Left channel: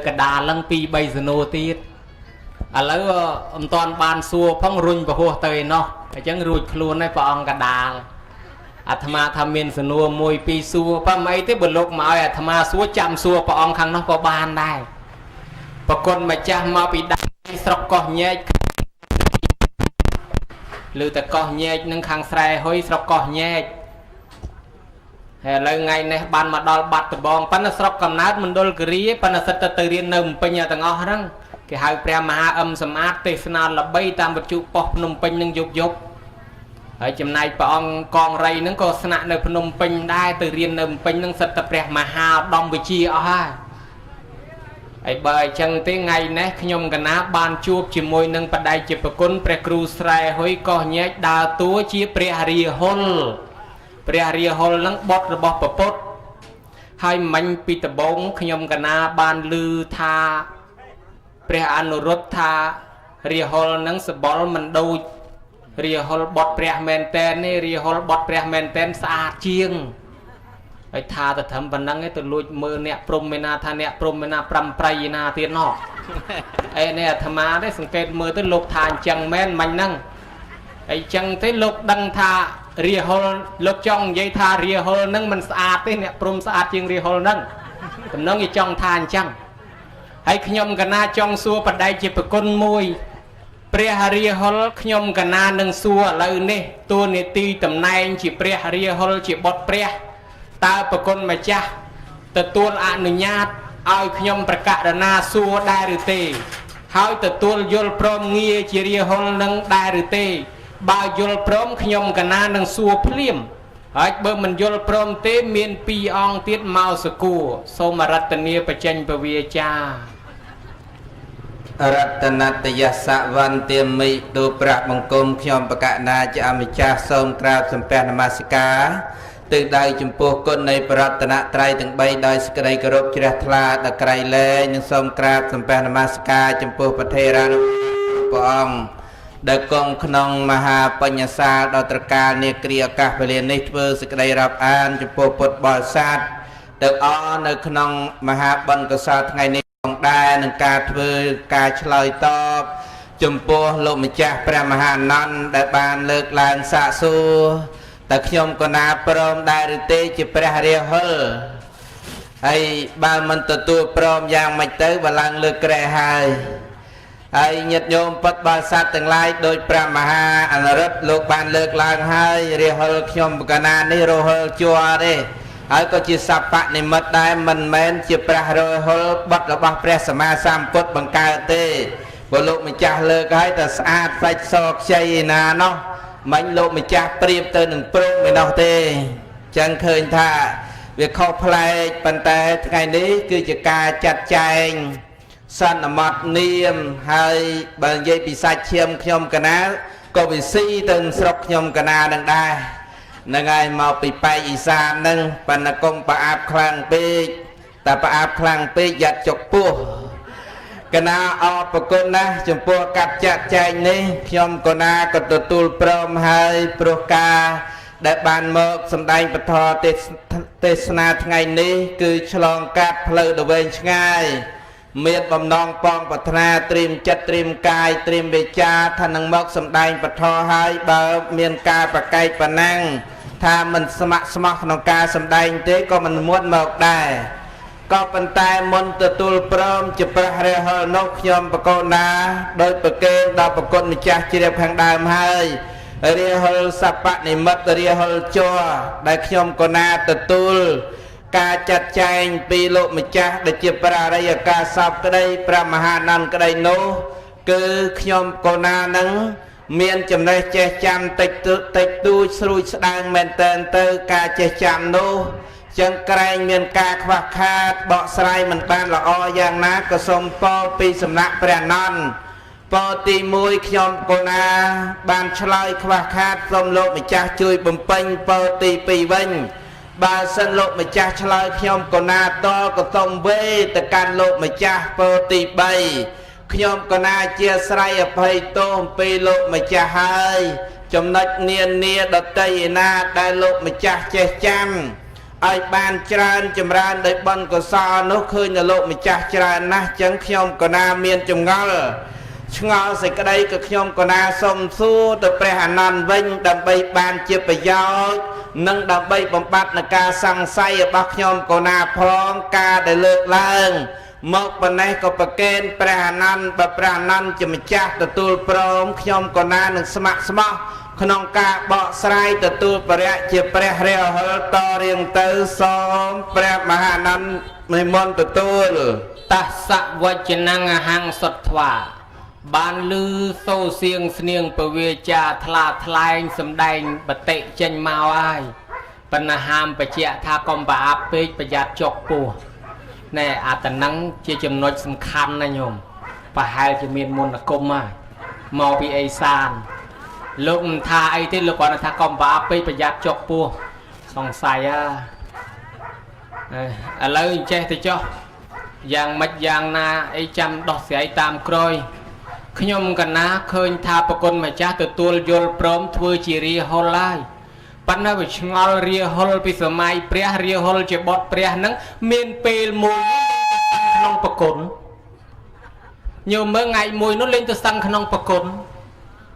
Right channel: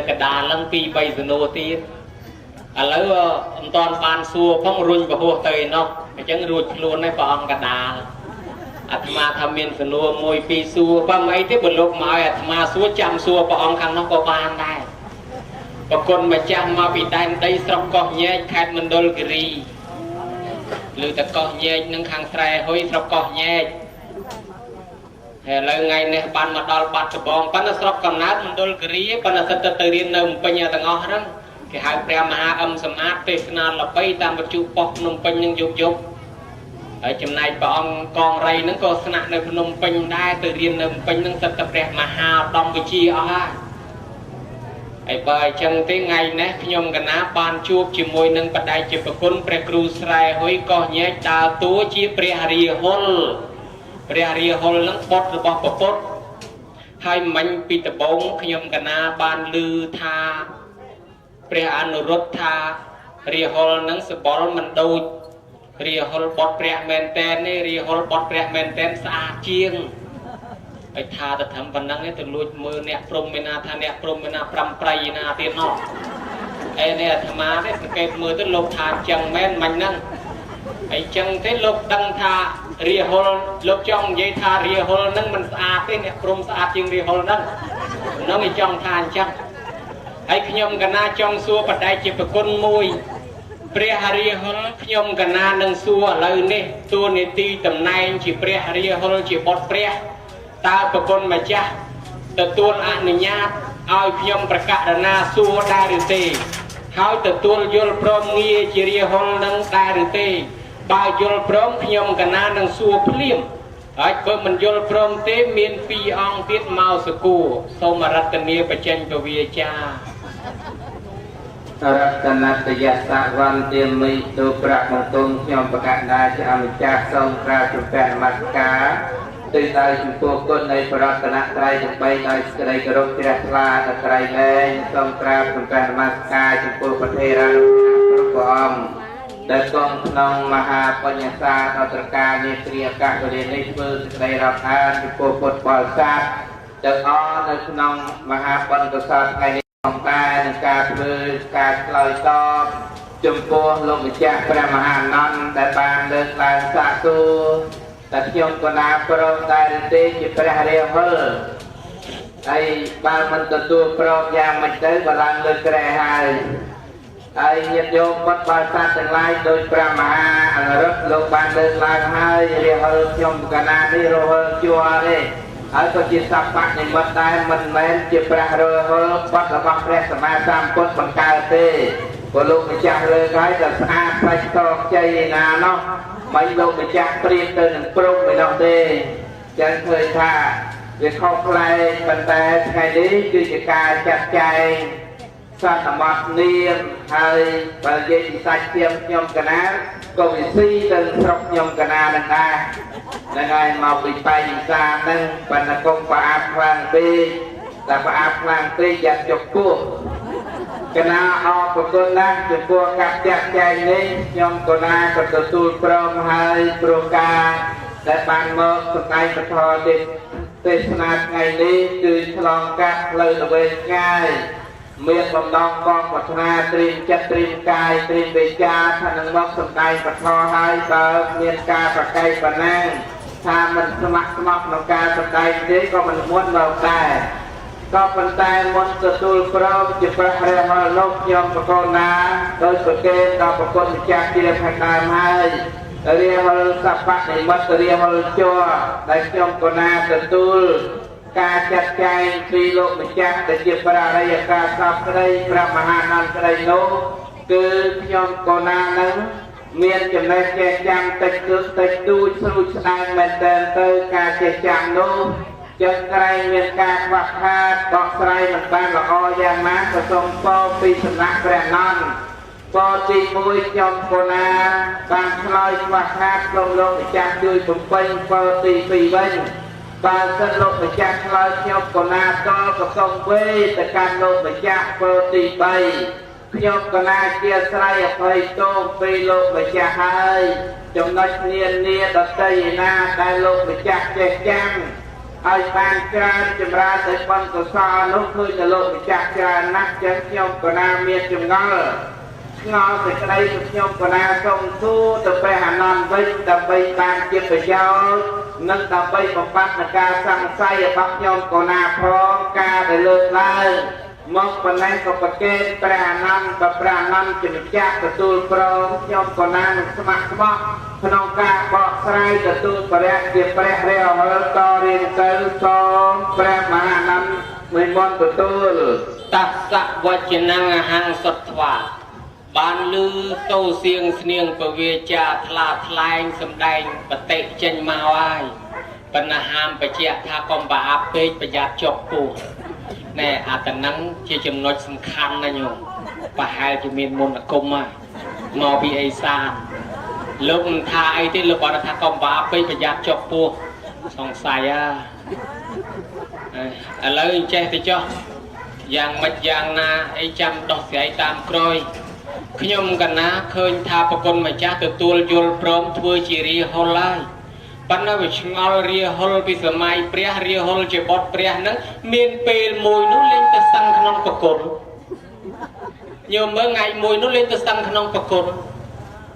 cái đà lăng pi bay sân nô tiết à lấy toàn bàn xua phong rung và hồ tây nó cái chân ruột luôn này phong cái đà à tham tham miên sân nô môi pi xua phong mấy thế bật lục mà à tham xua chạm xua phong khang nó có bàn này và con mà chạm mà bị đan đây sọc con nhẹ khát mình đôi cái lư ta con nhẹ nâng khang sài hơi sọc con nhẹ lời ngày này bàn mà đo bát bong pan nó sọc cầm nát mình đôi cái pan nó sẽ tự riêng nằm bên nhà thằng ông đó cái hai prea mà âm smart tê sna là bay tam một chút pop nung pin nung dục dục ở trong này ông con ray nó có sna nơi nung pin đai tự riêng nằm pin nó sẽ tập prea mà ha đong với chi ởไอ้ใบจังเต้ไงนะขยมกันนะบานจูบจีมวยนึงปัดได้จีบกุนเปรครูสไลหอยก็แยกดาวตัวจีเปรหรีฮอลนั้นบดหรือบดปดให้มันปีตะบงขยมกันนะบานลือทาเปรอนุรุตทาเรียฮอลนั้นสบอลมันโดยเรียฮอลบดเปรแมนเตนนี่เรียฮอลบดเปรแมนเตนสะอาดเจียงไอ้ทาแต่ทำบันดังไอ้ตัวลุยมือเนี่ยปรุงไม่นาทาเนี่ยปรุงไม่นาปรำไตรนาเตียนนอกไอ้เนี่ยธรรมะได้สังเกตมือตัวลบทานจังแม่นมันนั่งไอ้จังที่ลบดังทาเรียฮอลลบจ้องยัยทาเรียฮอลนั่งมันสะอาดที่เนี่ยปรุงสะอาดจริงเรียฮอลนั่งน้องไอ้จ้องทานจังไอ้ขยมกันนาจ้องซัวปัดได้จีบกุนมวยเปรียเรียฮอลขยมกันนาหนังซัวเลยนี่ตัวนี่ตีตำแหน่งจีเปรียเรียฮอลจีบดเปรียตาประคนมาจ้าแต่ตัวอนุญาตเอาขยมประกาศนาสัวได้หรือตีเขาแต่ตัวยลพร้อมเงียจีเรียห้องนั่งได้หรือตีบายยลพร้อมขยมกันนานังสัวพลิมไอ้เบอร์มันยลพร้อมเตมีนปีองติดเมาสกูโสมรัตเนียไปเจนปวีจ้ารัตนัตยสวันเตมิตุประมงคลขยมประกาศนาจะอมิจาทรงกราบสุนแปนมาสกาตื่นได้จุมพวกคนในปรัตนะไตรถึงใบโดยสกายกรบเชษฐาตะไคร้เล่ยสมกราบสมเป็นมาสกาจุมพวกประเทศรันปอมเด็กกองขนมมหาปัญญาศาสตร์ดตรการเนกรียกาเปลี่ยนในเพื่อสกายรับอ่านจุมพวกปดบอลศาสตร์เด็กอ้อนเด็กขนมมหาบัณฑิตศาสตร์ไงในของได้ในการเพื่อการเฉลยตอบจุมพวกลมจักพระมหานันได้บานเลิกลานสะสูแต่ขยมกนาพร้อมได้หรือเตจิเปรหเรียฮลไอ้บ้านมันตัวพร้อมอย่างไม่เตยบาลังเลือกแกรหายไอ้ญาติโยมปัดบาสัตทั้งหลายโดยพระมหาอนุรุตโลกบานเลือกลางให้เรียฮลขยมกนาได้โรฮลจัวได้ไอ้ก็จิสัพพะในมัดได้มันแม้นจิเปรหเรียฮลบัดระบาเปรสมาสามกดบังกาเตบลูมิจ่าเลือกให้แต่สะอาดไปสอบใจนาเนาะมันโลมิจักเปรียบเติมหนึ่งปรุงในดอกเตจังเคยท่าเวียข้อพลายปันแต่ไงนี้คือจะการจัดแจงสันมัดเนียมให้บางเย็ปิสัชเชียมขยมกันนะก็วิซีเติมสอบขยมกันนะดังได้ในไงมาปีไปอีสานนั่งปันกงปะอาบคลังปีแต่ปะอาบคลังปีอยากจบปุ๊กนาออกปกุลนะจุพวกกับจัดแจงนี้ยมกนาก็ตัวตูลพร้อมให้โปรกาได้บานมกสมได้ปทอเทศนาไงนี้คือฉลองกัดเพลิดเวชง่ายเมียบำนองปองปัฒนาตรีมจัดตรีมกายตรีมเบจาท่านังมกสมได้ปทอให้เบิกเมียนกาประไกปนังถ้ามันสมัครสมัครนกาสมได้เต้ก็มันม้วนมกได้ก็เป็นแต่มนตตุลพร้อมจะประเรหนกยมปกนาโดยประเกณฑ์ต่อประกนมิจฉาเจียมทางดามให้เรียหสัพพะนิมัตเรียหจัวได้ยมกนาตตุลการจัดแจงปีโลมิจฉาได้เจียประเรยกาสัพได้พระมหานันกระไดโลคือยมกนานังเมียนจำได้เจจังติดดูสรุปแสดงเมนเตนเตอการเจจังโนจังไกรเมียนกาขวักคาดบอกสไลมันปานละออย่างนั้นก็ทรงปอปีสำนักแปรนอนปอตีมวยขยมโกนาบางชลอยขวักคาดลมโลกมิจักช่วยบ่มเป็นปอตีปีเว้นบางสโลกมิจักชลอยขยมโกนาตอก็ต้องเวแต่การโลกมิจักปอตีใบขยมโกนาเจียสไลอภัยโตปีโลกมิจักให้จำนัดเนียนดัดใจนาได้โลกมิจักเจจัง ឲ្យបានច្រើនចម្រើនដោយបុណ្យកុសលនោះឃើញនៅលោកម្ចាស់ច្រើនណាស់ចឹងខ្ញុំក៏ណាមានចម្ងល់ឆ្ងល់សេចក្តីក៏ខ្ញុំក៏ណាសូមសួរទៅព្រះអានន្ទវិញដើម្បីបានជាប្រយោជន៍និងដើម្បីបំបត្តិនៃការសង្ស័យរបស់ខ្ញុំក៏ណាផងការដែលលើកឡើងមកប៉ុណ្ណេះក៏ប្រកេនព្រះអានន្ទបើព្រះអានន្ទជាម្ចាស់ទទួលព្រមខ្ញុំក៏ណានឹងស្ម័គ្រស្មោះក្នុងការបកស្រាយទទួលបរិយជាព្រះរាហុលតរៀងទៅសូមព្រះមហាអានន្ទនិមន្តទទួលតស្សវចនងអហង្សុត្វាបានលឺសូរសៀងស្នៀងពវាចាថ្លាថ្លែងសម្ដែងបតិចេញមកហើយបណ្ណាហាមបច្ចៈថាកុំប្រអាប់ពេកប្រយ័ត្នជាប់ពោះណែអាតនឹងជាចំណុចសំខាន់ណាញោមប្រហែលជាមានមន្តអាគមហើយមកពីអេសានលោកមិនថាអីទេលោកគាត់ថាកុំប្រអាប់ពេកប្រយ័ត្នជាប់ពោះសង្ស័យឥឡូវចេះទៅចុះយ៉ាងម៉េចយ៉ាងណាអីចាំដោះស្រាយតាមក្រោយខ្ញុំកណាឃើញថាប្រគុណម្ចាស់ទទួលយល់ព្រមធ្វើជារាហុលហើយប៉ុន្តែវាឆ្ងល់រាហុលពីសម័យព្រះរាហុលជាបុត្រព្រះហ្នឹងមានពេលមួយនោះលេងទៅសឹងក្នុងប្រគុណញោមមើលថ្ងៃមួយនោះលេងទៅសឹងក្នុងប្រគុណ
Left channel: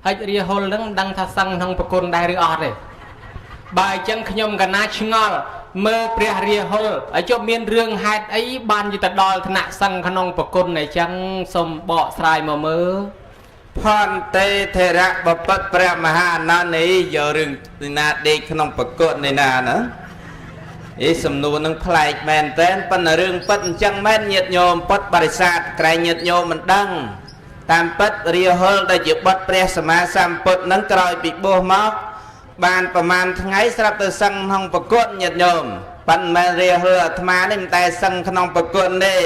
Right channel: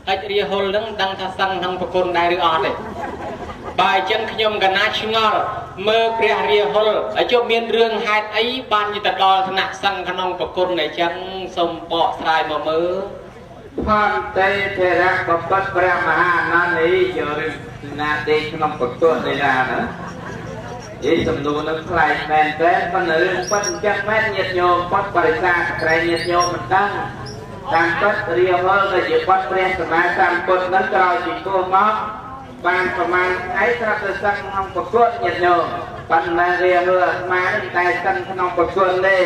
ហើយរាហុលហ្នឹងមិនដឹងថាសឹងក្នុងប្រគុណដែរឬអត់ទេបើអញ្ចឹងខ្ញុំកណាឆ្ងល់មើលព្រះរាហុលហើយចុះមានរឿងហេតុអីបានទៅដល់ថ្នាក់សឹងក្នុងប្រគុណអញ្ចឹងសូមបកស្រាយមកមើលផន្តេធរៈបបិទ្ធព្រះមហាអានន្ទនេះយករឿងណាដេកក្នុងប្រគុណនេះណាសំណួរនឹងប្លែកមែនតែប៉ុន្តែរឿងពិតអញ្ចឹងមែនញាតិញោមពុទ្ធបរិស័ទក្រែងញាតិញោមមិនដឹងតាមពិតរាហុលដែលជាបុត្រព្រះសម្មាសម្ពុទ្ធនឹងក្រោយពីបួសមកបានប្រមាណថ្ងៃស្រាប់ទៅសឹងក្នុងប្រគុណញាតិញោមប៉ុន្តែរាហុលអាត្មានេះមិនតែសឹងក្នុងប្រគុណទេ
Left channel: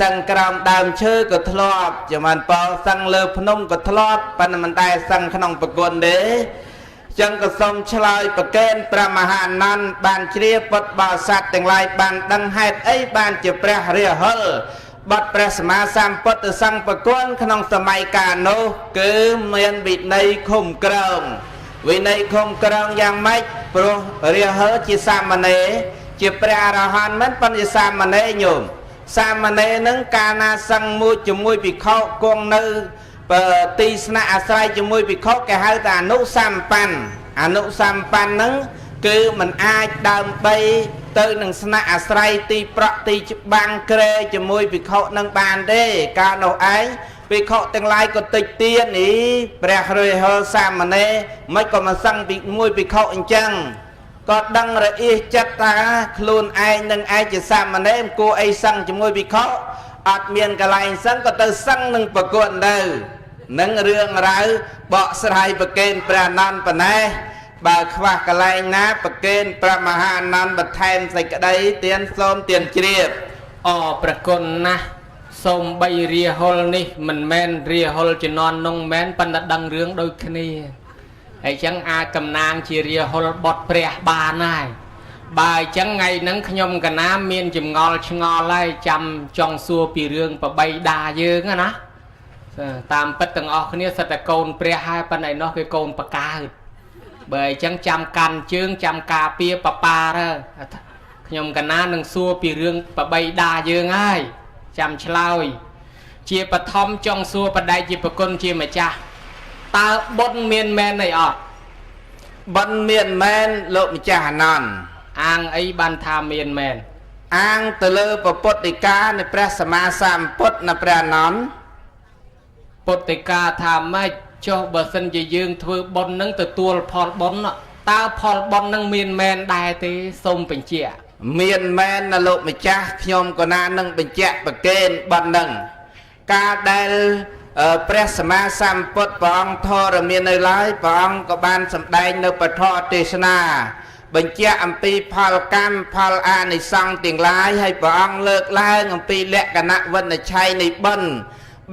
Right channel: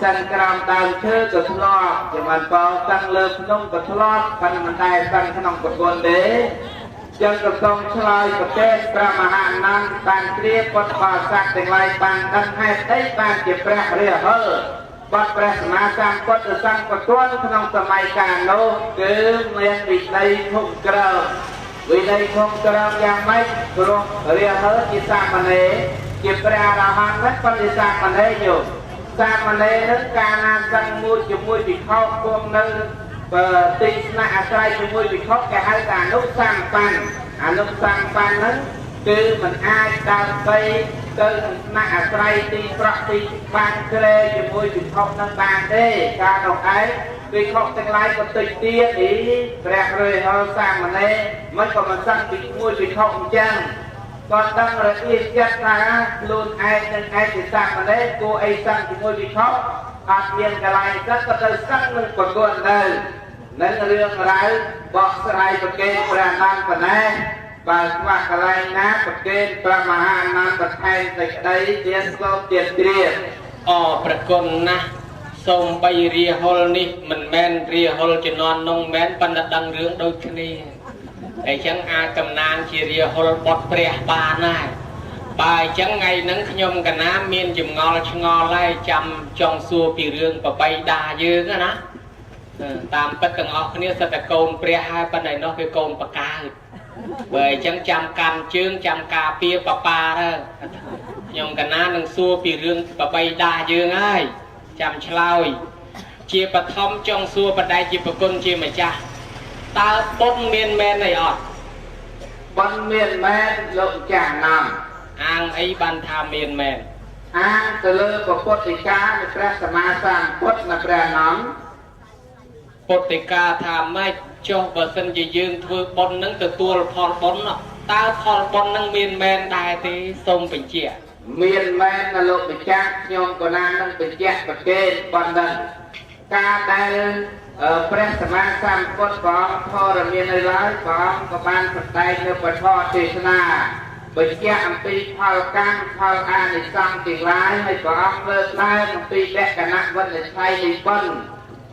សឹងក្រោមដើមឈើក៏ធ្លាប់ចាំបានប៉ោសឹងលើភ្នំក៏ធ្លាប់ប៉ុន្តែមិនតែសឹងក្នុងប្រគុណទេចឹងក៏សូមឆ្លើយប្រកេនព្រះមហាអានន្ទបានជ្រាបពុទ្ធបរិស័ទទាំងឡាយបានដឹងហេតុអីបានជាព្រះរាហុលបុត្រព្រះសម្មាសម្ពុទ្ធទៅសឹងប្រគុណក្នុងសម័យកាលនោះគឺមានវិន័យឃុំក្រោមវិន័យឃុំក្រោមយ៉ាងម៉េចព្រោះរាហុលជាសាមណេរជាព្រះអរហន្តមិនប៉ុន្តែសាមណេរញោមសាមណេរនឹងកាលណាសឹងមួយជាមួយភិក្ខុគង់នៅទីស្នាក់អាស្រ័យជាមួយភិក្ខុគេហៅថាអនុសម្បណ្ណហ្នឹងគឺมันអាចដើម្បីទៅនឹងស្នាក់អាស្រ័យទីប្រក់ទីច្បាំងក្រែជាមួយភិក្ខុនឹងបានទេកាលនោះឯងភិក្ខុទាំងឡាយក៏តិចទៀនព្រះរាហុលសាមណេរមិនក៏មកសឹងពីមួយភិក្ខុអញ្ចឹងក៏ដឹងរអៀសចិត្តថាខ្លួនឯងនឹងឯងជាសាមណេរគួរអីសឹងជាមួយភិក្ខុអត់មានកន្លែងសឹងក៏ទៅសឹងនឹងប្រគុណទៅនឹងរឿងរ៉ាវបកស្រាយប្រកេនព្រះអានន្ទប៉ុណ្ណេះបើខ្វះកន្លែងណាប្រកេនព្រះមហាអានន្ទបន្ថែមសេចក្តីទានសូមទានជ្រាបប្រគុណណាស់សូមបីរាហុលនេះមិនមែនរាហុលជំនាន់នោះមែនប៉ុន្តែដឹងរឿងដូចគ្នាអញ្ចឹងអាចកំណាងជារាហុលបុត្រព្រះបានហើយបើអញ្ចឹងថ្ងៃហ្នឹងខ្ញុំកណាមានចម្ងល់ឆ្ងល់ហើយចាំចង់សួរពីរឿងបបីដាយើងណាតាមពិតទាំងអស់គ្នាសិតតែកូនព្រះហើយប៉ុន្តែនោះគឺកូនបកាយបើអញ្ចឹងចាំកាន់ជើងចាំការពារបបាទៅខ្ញុំកណានឹងសួរពីរឿងបបីដាយើងហើយចាំឆ្លើយជាបឋមចង់សួរបដិជាប្រគុណជាម្ចាស់តើបុណ្យមានមែនអីអត់បុណ្យមានមែនលោកម្ចាស់អានន្ទអាងអីបានថាមានមែនអាងទៅលើពុទ្ធិកានៃព្រះសម្មាសម្ពុទ្ធនៅព្រះអានន្ទពុទ្ធិកាថាម៉េចចុះបើសិនជាយើងធ្វើបុណ្យនឹងទទួលផលបុណ្យតើផលបុណ្យនឹងមានមែនដែរទេសូមបញ្ជាក់មានមែនណាលោកម្ចាស់ខ្ញុំក៏ណានឹងបញ្ជាក់ប្រកេនបុណ្យនឹងការដែលព្រះសម្មាសម្ពុទ្ធព្រះអង្គធរមាននៅឡើយព្រះអង្គក៏បានសម្ដែងនៅពធទេសនាបញ្ជាក់អំពីផលកម្មផលអានិសង្សទាំងឡាយហើយព្រះអង្គលើកឡើងអំពីលក្ខណៈវិនិច្ឆ័យនៃបុណ្យ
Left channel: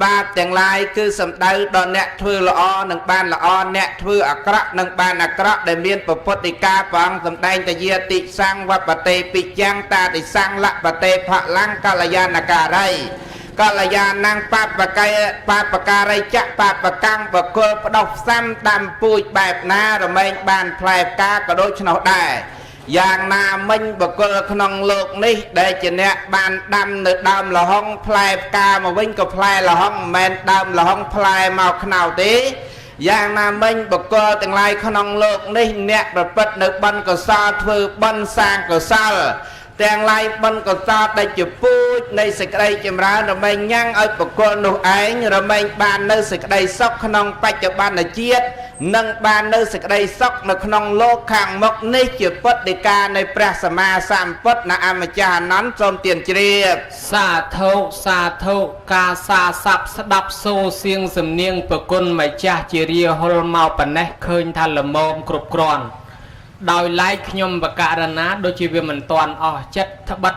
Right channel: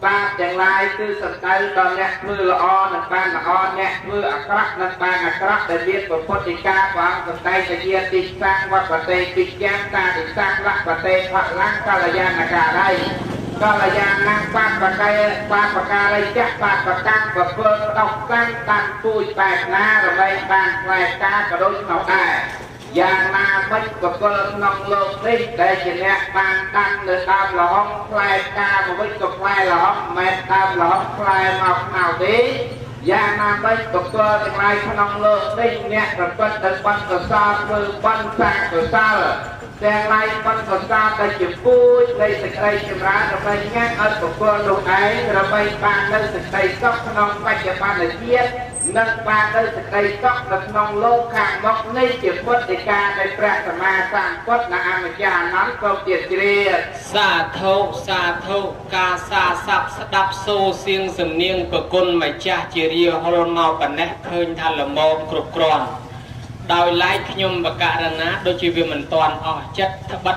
បាបទាំងឡាយគឺសំដៅដល់អ្នកធ្វើល្អនឹងបានល្អអ្នកធ្វើអាក្រក់នឹងបានអាក្រក់ដែលមានពុទ្ធិកាព្រះអង្គសម្ដែងតយាតិសង្វបតេពិយ៉ាងតាតិសង្លបតេផលង្កល្យាណការីកល្យាណង្បាតបកាយបាតបការីចៈបាតបកម្មបកុលផ្ដោះផ្សំដាំពូជបែបណារមែងបានផ្លែផ្កាក៏ដូចឆ្នោះដែរ យ៉ាងណាមិញបកលក្នុងលោកនេះដែលជាអ្នកបានដាំនៅដើមលហុងផ្លែផ្កាមកវិញក៏ផ្លែលហុងមិនមែនដើមលហុងផ្លែមកខ្នោទេយ៉ាងណាមិញបកលទាំងឡាយក្នុងលោកនេះអ្នកប្រព្រឹត្តនៅបន់កុសលធ្វើបន់សាងកុសលទាំងឡាយបន់កុសលដែលជាពូជនៃសេចក្តីចម្រើនដើម្បីញ៉ាំងឲ្យបកលនោះឯងរមែងបាននៅសេចក្តីសុខក្នុងបច្ចុប្បន្នជាតិនិងបាននៅសេចក្តីសុខនៅក្នុងលោកខាងមុខនេះជាពុទ្ធដីកានៃព្រះសម្មាសម្ពុទ្ធណាអម្ចាស់អនន្តសូមទានជ្រាបសាធុសាធុការសាស័ព្ទស្ដាប់សូរសៀងសំនៀងប្រគុណម្ចាស់ជារាហុលមកប៉ុណ្ណេះឃើញថាល្មមគ្រប់គ្រាន់ដោយឡែកខ្ញុំបករណាដូចជាវាមិនតាន់អស់ចិត្តត្បិត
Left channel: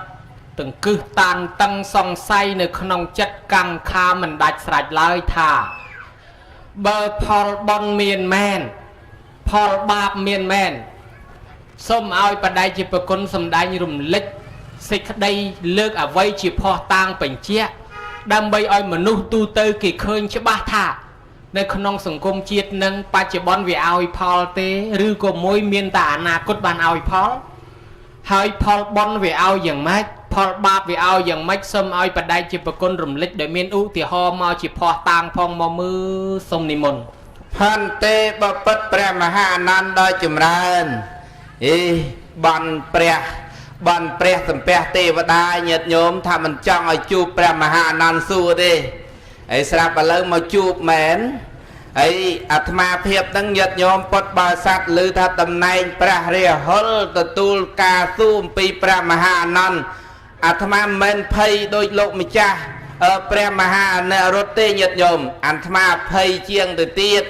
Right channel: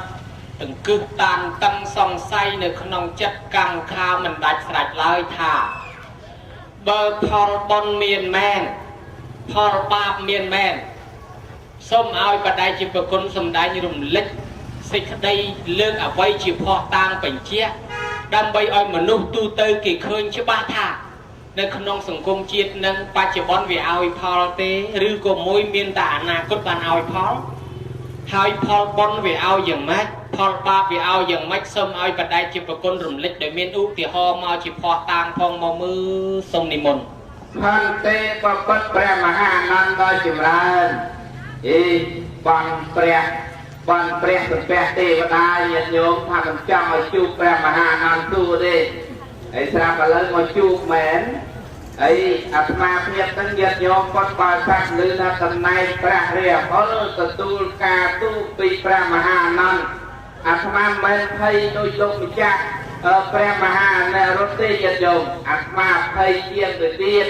ទាំងគឹះតានតឹងសង្ស័យនៅក្នុងចិត្តកម្មខាមិនដាច់ស្រេចឡើយថាបើផលបុណ្យមានមែនផលបាបមានមែនសូមឲ្យបដិជាប្រគុណសំដែងរំលេចសេចក្តីលើកអ្វីជាផោះតាងបញ្ជាក់ដើម្បីឲ្យមនុស្សទូទៅគេឃើញច្បាស់ថានៅក្នុងសង្គមជាតិនឹងបច្ចុប្បន្នវាឲ្យផលទេឬក៏មួយមានតែអនាគតបានឲ្យផលហើយផលបុណ្យវាឲ្យយ៉ាងម៉េចផលបាបវាឲ្យយ៉ាងម៉េចសូមឲ្យបដិជាប្រគុណរំលេចដែលមានឧទាហរណ៍មកជាផោះតាងផងមកមើលសូមនិមន្តផន្ទេបពុតព្រះមហាអនន្តដ៏ចម្រើនបន់ព្រះសំពះទេវតាញាតិញោមថាមិនចង់ឲ្យជួបព្រះមហាអនន្តសួរទេហើយស្រាប់ឥឡូវមកជួបមែនហើយអាត្មាភាពហ្នឹងញាតិញោមពុទ្ធបរិស័ទឮថាតំណែងព្រះរាហុលទទួលការទូអំពីព្រះមហាអនន្តអាត្មាមិនមែនភ័យដោយលោកម្ចាស់ព្រះមហាអនុរុទ្ធទេញាតិញោមអាត្មាភ័យជាងទៅទៀត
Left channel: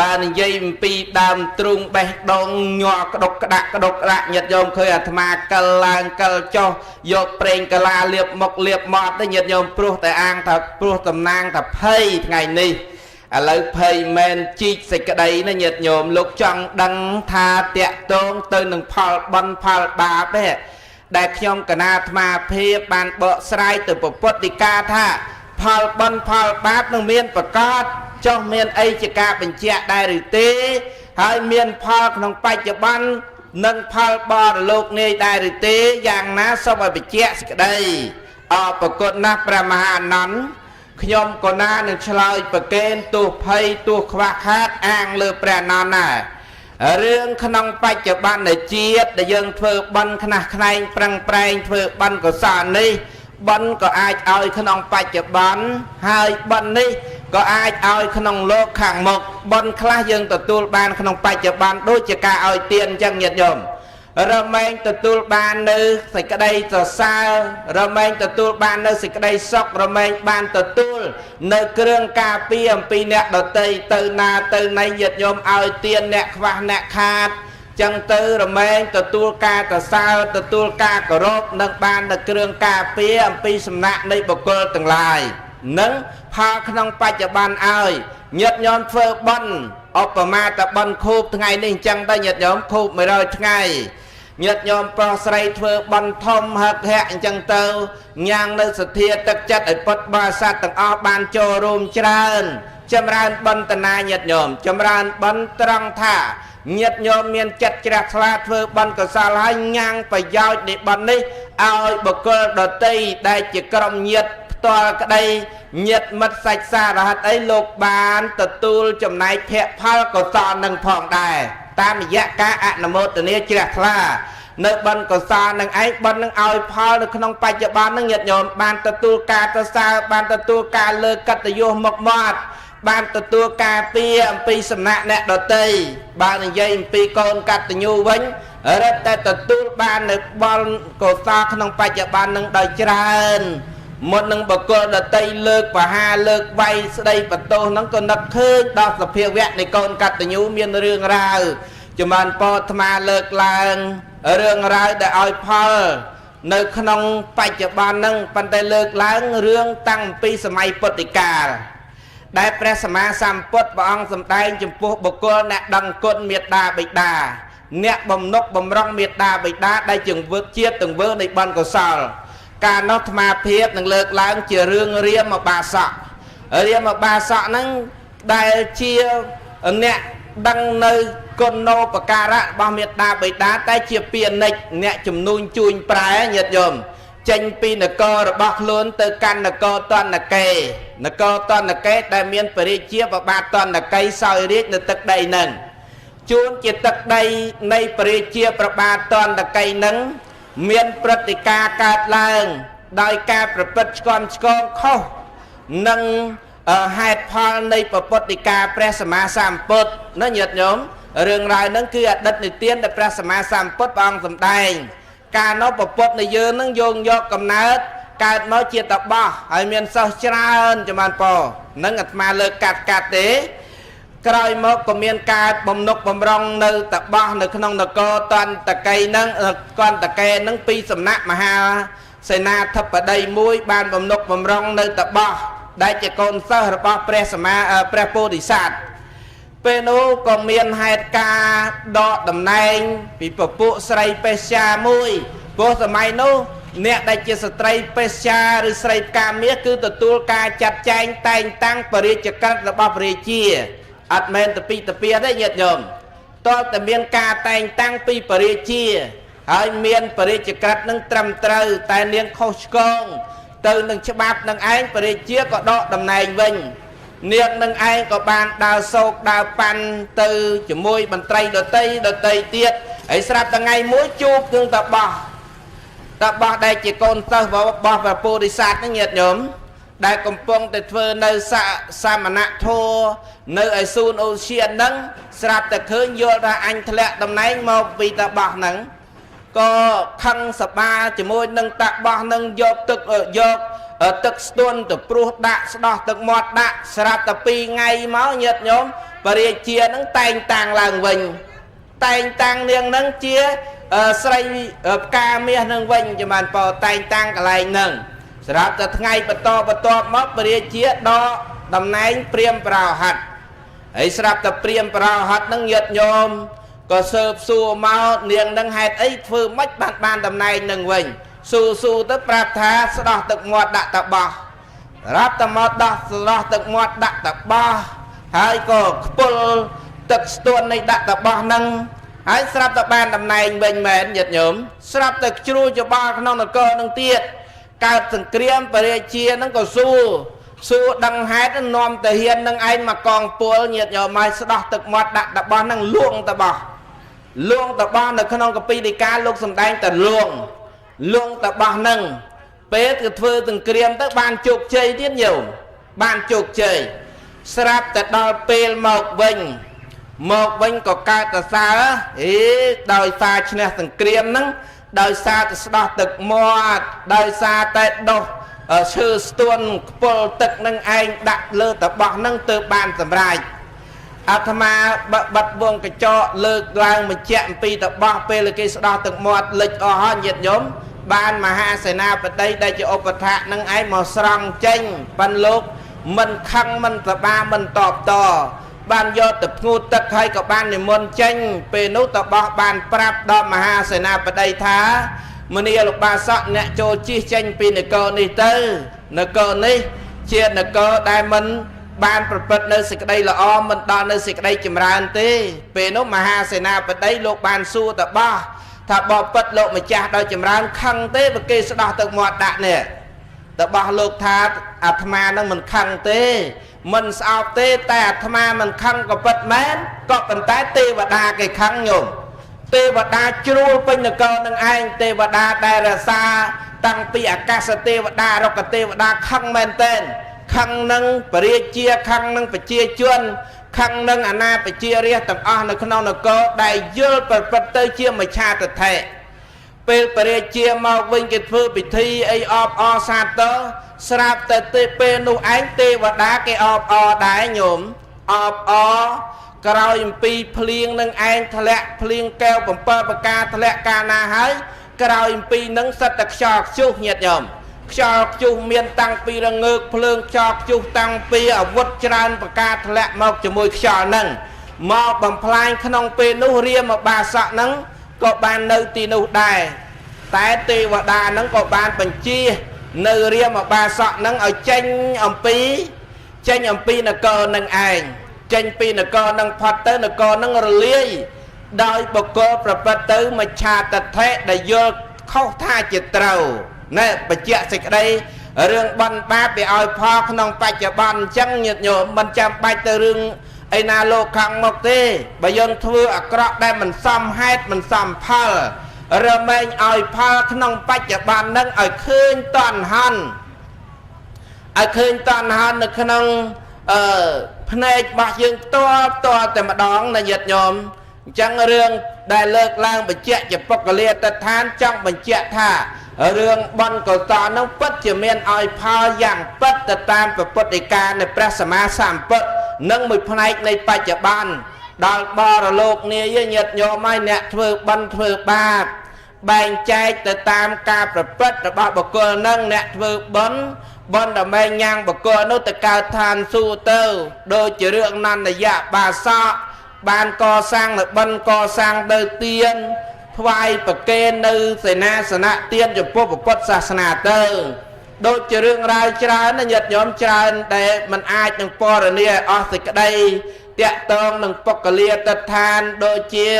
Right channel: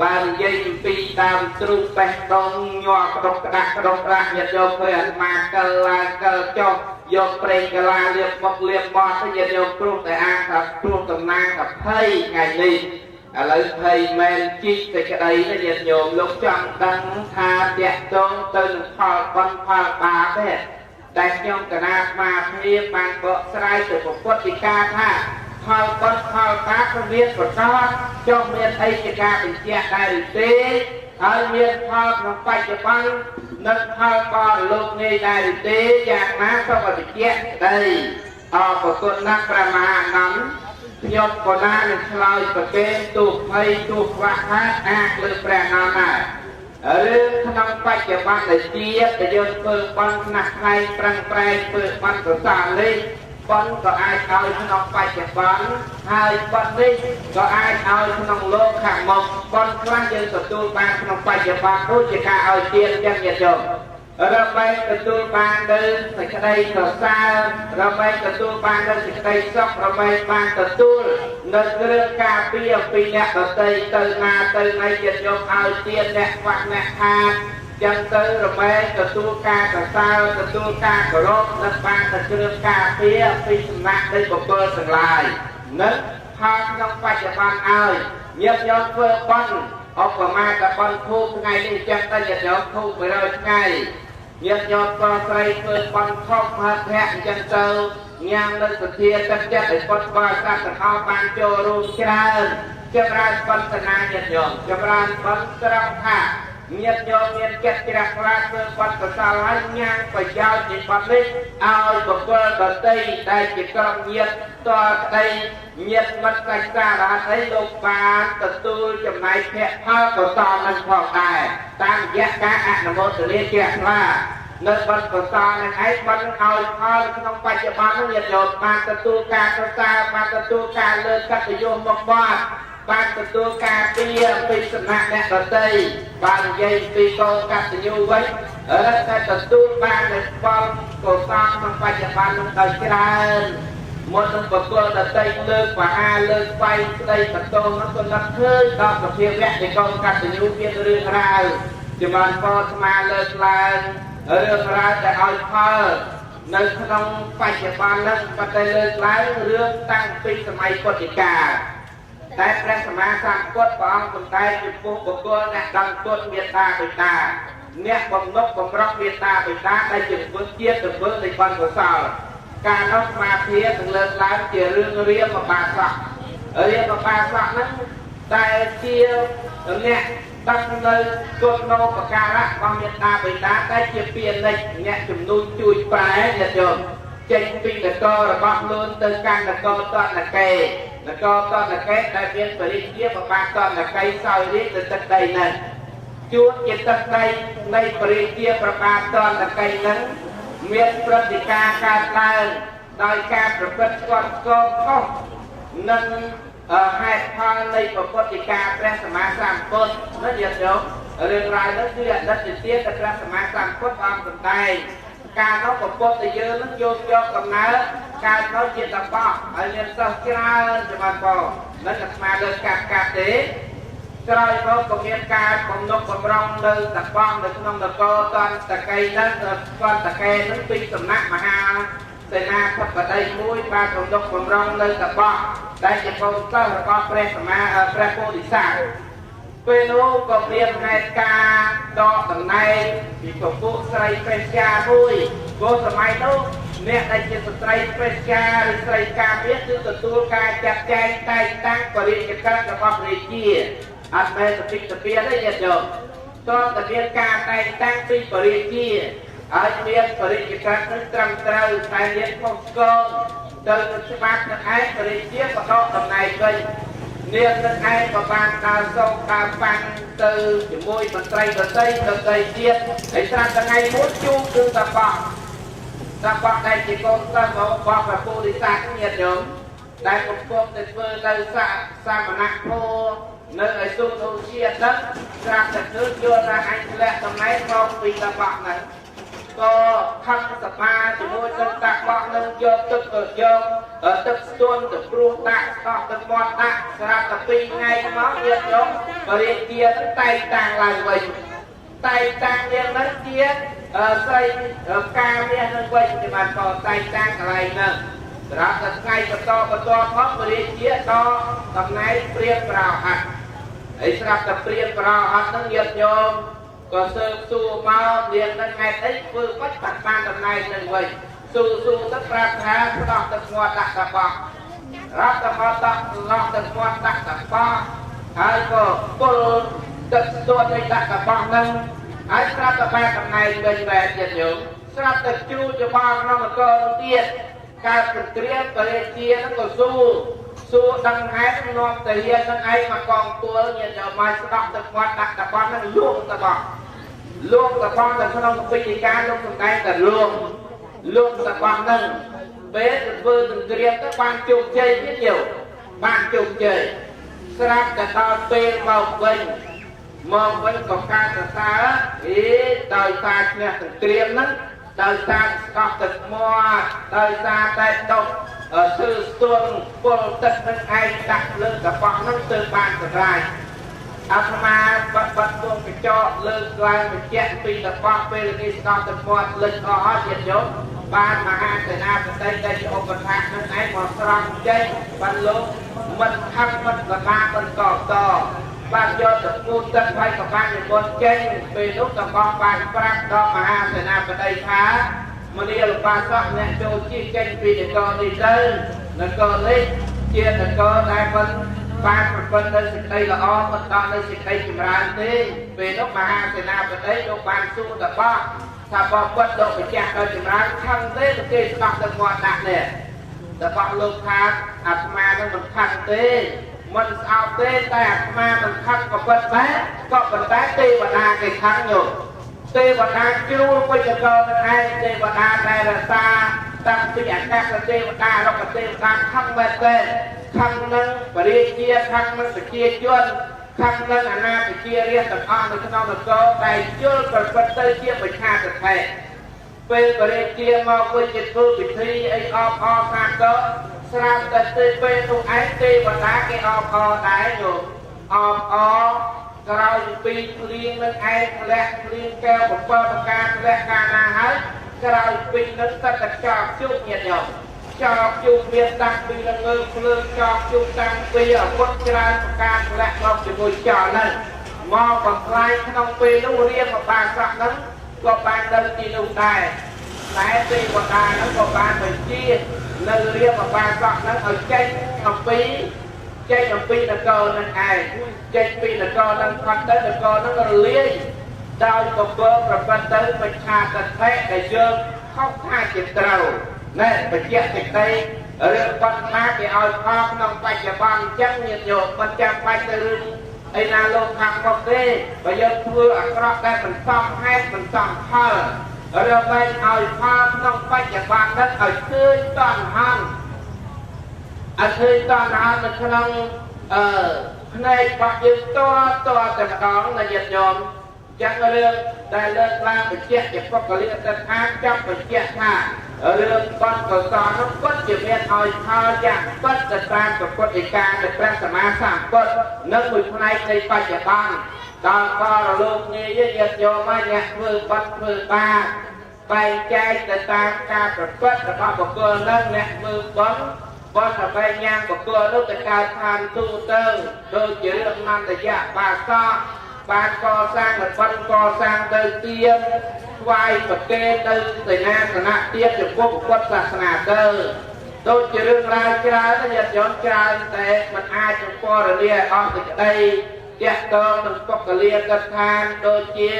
បាននិយាយអំពីដើមទ្រូងបេះដូងញ័រក្តុកក្តាក់ញាតិញោមឃើញអាត្មាកិលឡើងកិលចុះយកប្រេងកាឡាលាបមុខលាបមាត់ទៅញាតិញោមព្រោះតែអាងថាព្រោះតំណាងថាភ័យថ្ងៃនេះឥឡូវភ័យមែនជីកសេចក្តីណាញាតិញោមលោកចង់ដឹងថាតាក់ទងទៅនឹងផលបុណ្យផលបាបទេដែលខ្ញុំកណាអាត្មាភាពបានបកស្រាយទៅពុទ្ធដីកាថាផលបុណ្យផលបាបនឹងមានប្រកបចុះមានអីជាការបញ្ជាក់ដែរឬទេហើយមានផលក្នុងបច្ចុប្បន្ននិងផលបរលោកនេះដែរឬទេយ៉ាងណាសូមឲ្យបញ្ជាក់សេចក្តីអរប្រគុណណាស់ព្រះមហាអនន្តខ្ញុំក៏ណានឹងឆ្លើយប្រកេនទោះភ័យទោះខ្វះខាតអាងលើព្រះអនន្តណារឿងក្នុងបច្ចុប្បន្នជាតិដែលយើងធ្វើបន់ខ្នះខ្នែងប្រឹងប្រែងធ្វើបន់កុសលនេះបន់ក៏អាចឲ្យក្នុងបច្ចុប្បន្នហើយបន់នេះក៏អាចឲ្យក្នុងលោកខាងមុខបន់ខ្លះយើងទទួលបានក្នុងបច្ចុប្បន្នដូចជាការឲ្យទានអញ្ចឹងញាតិញោមរមែងទទួលបាននៅសេចក្តីសរសើររមែងទទួលបាននៅសេចក្តីសុខរមែងបានទទួលនៅគ្រឿងការពារអំពីអ្នកដទៃទៅណាទៅណីញាតិញោមឲ្យទានអ្នកខ្វះអ្នកខាតចឹងទៅរមែងទទួលការកសើទទួលការគោរពនិងបាននៅគ្រឿងការពារអំពីសំណាក់នៃបុគ្គលទាំងឡាយនិងផលក្នុងបច្ចុប្បន្នឲ្យញាតិញោមធ្វើបុណ្យឧបមាតបុណ្យខូបថ្ងៃនេះអញ្ចឹងទៅញាតិញោមខូប100ថ្ងៃញាតិញោមប្រុសស្រីធ្វើបន់ធំហឹកហាក់អញ្ចឹងទៅញ៉ាំងនៅសទ្ធាទឹកចិត្តឲ្យពុទ្ធបរិស័ទទាំងអស់បានចូលរួមច្រើនចម្រើនបន់តនាញាតិញោមចម្រើនបន់ត្រង់ថាញាតិញោមមានចិត្តជ្រះថ្លាធ្វើបន់កុសលហើយញ៉ាំងប្រយោជន៍នៃបន់នេះឲ្យបុគ្គលដទៃដែលជាក្រុមញាតិផ្ទាល់ក្តីញាតិមិត្តសាច់សារហិតអីលោកបានទទួលចំណែកភ័ក្រផលកុសលនឹងផងដែរតាមរយៈការអនុមោទនាជ្រះថ្លានៅបន់កុសលនឹងឯងបន់នឹងឲ្យផលនៅក្នុងបច្ចុប្បន្ននឹងញាតិញោមបានទទួលការកុសលបានទទួលការលើកកិត្តិយសមកមាត់បានទទួលការពារអំពីសំណាក់អ្នកដទៃបាននិយាយអំពីកូនកតញ្ញូវិញរឹតតែទទួលបាននៅបន់កុសលក្នុងបច្ចុប្បន្ននឹងដោយច្រើនមុននឹងបកគលដតីលើកបហាលើកវាយស្ដីបន្ទោសហ្នឹងក៏នឹកឃើញដល់សភាវៈនៃកូនកតញ្ញូមានរឿងរ៉ាវចម្រើនពរអាត្មាលើកឡើងរឿងរ៉ាវដែលឲ្យផលនៅក្នុងបច្ចុប្បន្នហ្នឹងប៉ុន្តែលើកឡើងរឿងតាំងពីសម័យពុទ្ធិកាលដែលព្រះសម្មាសម្ពុទ្ធព្រះអង្គសម្ដែងចំពោះបុគ្គលអ្នកដឹងគុណមេត្តាបិតាអ្នកបំណុកបំរុងមេត្តាបិតាដែលជាវឹកជាតិទង្វើនៃបុណ្យកុសលការនោះអាត្មាភាពនឹងលើកឡើងជារឿងរាមបាសកហ្នឹងដែលជាអ្នក đăng nơi con nô và ca rạ bao miệt đa bầy đá tay chia piền nịch nẹ chùm nuôn chuôn prái nhật dùm chênh pi nà cơ rồi bọc luôn từ căn nà cơ toàn nà kê đại miên bởi đi chia và ba toàn nà cây soi riết được tất đầy nâng chuôn chia tất đầy nay bởi đi chia và ba toàn nà cây nâng miên pratika cát lang đòi ca bởi bất con khô nâng hạt phong này bởi pratika prasama samput nó nhật nhóm rừng rồi nó cứ đất này tiên là prasama samput bằng tầm tay ca nó bộc bộc này dơ nó dùng vô cầm nát ca nó chia tập bò ở miền sau trơn cho man bò nó ngặt mà lơ cạt tế cái mốt của miền ca bông nốt bông rong nơi tập bò nơi không nó co toàn tập cây nó con tập cây nó pi sầm nát mà ha xây na thấp ở đây mũi ban bông nốt bông rong nơi tập bò đây chỉ còn sau rồi bò presama prepodisat Penu có miền hạt ca đọ tầm này vì bộ bộ sợi pesha mùi vô tầm mai nô nè đây chỉ sợi pesha rồi sợi ca miết cứ từ tua ca chặt chanh tay tăng bari chặt cắt là bao bari chia admin tập pi đấy nhiệt nhom to tầm miền ca tay tăng pi bari chia ở miền bari chặt cắt nâng trầm trâu tay niên khâu con từ nâng chắp bát nâng ái bari chia có đọ tầm này mình niệm nâng ai có bàn đào sâu đào pan từ chỉ môi bàn tay đợt tây tiết ấy sắp là ngày mỗi chu cương tập bỏ đây chỉ còn tao bỏ vào bodhisat cái nhiệt nhóm đại công pong để phơi nơi sa mà nặng thô nơi ở sun ocean nắng sắp là khơi vô ra anh thẹn tầm này một vì tập bỏ nắng có khăn sập ba chỉ môi nâng tập bỏ nâng vô tức ở vô ở tức tuôn từ pruh đạn đó tức mọt đạn sạp tập pi ngay máu nhiệt nhóm và đi chia nó tay tàng làng vinh tay tàng niềng nâng chia xây ca mía nâng vinh cho bạn bỏ tay tàng cả lại nâng sạp tập ngay và to móc và đi chia đó tầm này priêm vào hạt ấy sạp tập priêm vào hạt nâng nhiệt nhóm có sơ xua máu niềng nâng hạt ấy phư mất bàn tầm này nâng vinh su tức prap tha sដោះទឹកមាត់ដាក់តបោះរាប់តមាត់ដោះស្ដោះទឹកមាត់ដាក់តបោះហើយក៏ខ្ពុលទឹកស្ទួននៃដាក់តបោះនឹងហើយស្រាប់តែបានតំណែងវិញមែនញាតិញោមស្រាប់តែជ្រួចច្បងក្នុងនគរនឹងទៀតកើតសង្គ្រាមបរិជានឹងក៏ស៊ូដឹងហេតុនឹងនាំតាហ៊ាននឹងឯងមកកងពលញាតិញោមមកស្ដោះទឹកមាត់ដាក់តបោះនឹងលួងតបោះនៅក្នុងកពីដីកាលោកសំដែងតែលួងតបោះនឹងពេលគឺធ្វើទាំងក្រៀមទៅបានជោគជ័យទៀតយោបានជោគជ័យស្រាប់តែដល់ពេលមកវិញក៏កើតតសើដោយសារឈ្នះទាំងក្រៀមហ្នឹងដោយសារតែស្ដោះទឹកមាត់ដោយសារតែដោះឈើស្ទួនខ្ពុលទឹកនឹងឯងដាក់លើតបោះហ្នឹងទៅបានសម្រេចអាត្មាបាត់វងកញ្ចក់លើកឡើងបញ្ជាក់អំពីតបោះពេលគេស្ដោះទឹកមាត់លិចអស់ហើយញាតិញោមបានមហាសេនាបតីដែលជាឧបថានឹងឯងមកស្រង់ចេញបានលោកមិនខំមិនប្របាមិនតបតបានយកទៅធ្ងូទឹកហើយក៏បាននិមន្តចេញពេលនោះតបោះបានប្រាប់ដល់មហាសេនាបតីថាមនីលោកបាសកអ្នកចូលជិះចេញពីនគរនេះទៅនគរនេះជានគរដែលមិនបានប្រព្រឹត្តនៅសេចក្តីល្អមិនដល់នៅសេចក្តីចម្រើនទេពេលនោះមហាសេនាបតីលោកបានសួរតបោះថាបបិទ្ធលោកម្ចាស់ដល់ចម្រើនខឹងទេបើគេស្ដោះទឹកមាត់ដាក់នេះតបោះលោកថាអាត្មានឹងមិនខឹងទេមិនស្អប់ទេតែអាត្មាមិនខឹងក៏ពិតមែនក៏ប៉ុន្តែទេវតាគេខឹងញោមទេវតាជ្រួលពេញនគរនឹងឯងទេវតាដែលរសាតាំងពីអាកាសទេវតារុក្ខទេវតាខឹងមែនទេខឹងនឹងបរិជាខឹងនឹងប្រជាជនខឹងនឹងអាណាប្រជារាស្ត្រទាំងអស់នៅក្នុងនគរដែលយល់ប្រព្រឹត្តទៅជាមច្ឆាទិដ្ឋិពេលបរិជាមកវិញគេធ្វើពិធីអីអបអរសាទរស្រាប់តែពេលនោះឯងទេវតាគេអបអរដែរញោមអបអរក្រោយអំពីភ្លៀងនឹងឯងធ្លាក់ភ្លៀងកែវ7ប្រការធ្លាក់កាលណាហើយក្រោយអំពីនឹងសិតតែខ្យល់ខ្ជុះញាតិញោមខ្យល់ខ្ជុះមានតាំងពីរងើកភ្លើងខ្យល់ខ្ជុះតាំងពីអាវុធច្រើនប្រការធ្លាក់មកជាមួយខ្យល់ហ្នឹងមកបំផ្លាញក្នុងពេលនោះរាមបាសកហ្នឹងក៏បាននៅទីនោះដែរតែទេវតាហ្នឹងក៏បានបញ្ជានៅរាមបាសកហ្នឹងឲ្យចេញអំពីនគរនឹងឯង ចេញពីនគរនឹងផុតទៅនគរនឹងរលាយដោយបកលប្រព្រឹត្តទៅមច្ឆាតថេដែលយល់ខុសថាជាត្រូវណែបញ្ជាក់សេចក្តីរឿងបន់បាបវាឲ្យផលក្នុងបច្ចុប្បន្នអញ្ចឹងញាតិញោមមិនចាំបាច់ទៅរឿងឯណាលោកខាងមុខទេបើយើងធ្វើអាក្រក់ដែលមិនសមហេតុមិនសមផលរមែងឲ្យផលក្នុងបច្ចុប្បន្ននឹងឲ្យឃើញតណ្ហាន់ឲ្យឃើញតណ្ហាន់នៅក្នុងភ្នែករបស់យើងផ្ទាល់តែម្ដងណាញាតិញោមអញ្ចឹងរឿងដែលលើកឡើងបញ្ជាក់ជាពុក្ខលាទដ្ឋានចង់បញ្ជាក់ថារឿងបន់កុសលនោះពិតជាមានឲ្យផលយ៉ាងពិតទៅតាមពុទ្ធដីកានៃព្រះសម្មាសម្ពុទ្ធនិងមួយផ្នែកនៃបច្ចុប្បន្នដល់បរលោកនាយញាតិញោមឲ្យអ្នកធ្វើបន់ធ្វើបាបបែងចែកទៅតាមការប្រព្រឹត្តរបស់បុគ្គលនឹងអ្នកធ្វើបន់ដើម្បីញ៉ាំងបុគ្គលនោះទៅកើតឋានសួគ៌ទៅដូចជារឿងនន្ទយៈបាសកបានកសាងនៅបន់កសាងទៅទៀនថ្វាយប្រគេននៅសេនាសនៈទៀនចំពោះពុទ្ធសាសនាទៅដូចជារឿងរ៉ាវច្រើនណាញាតិញោមច្រើនដែលมันអាចនឹងពរនាអស់សេចក្តីតាក់ទងនឹងពុក្ខលាទដ្ឋានដូចជា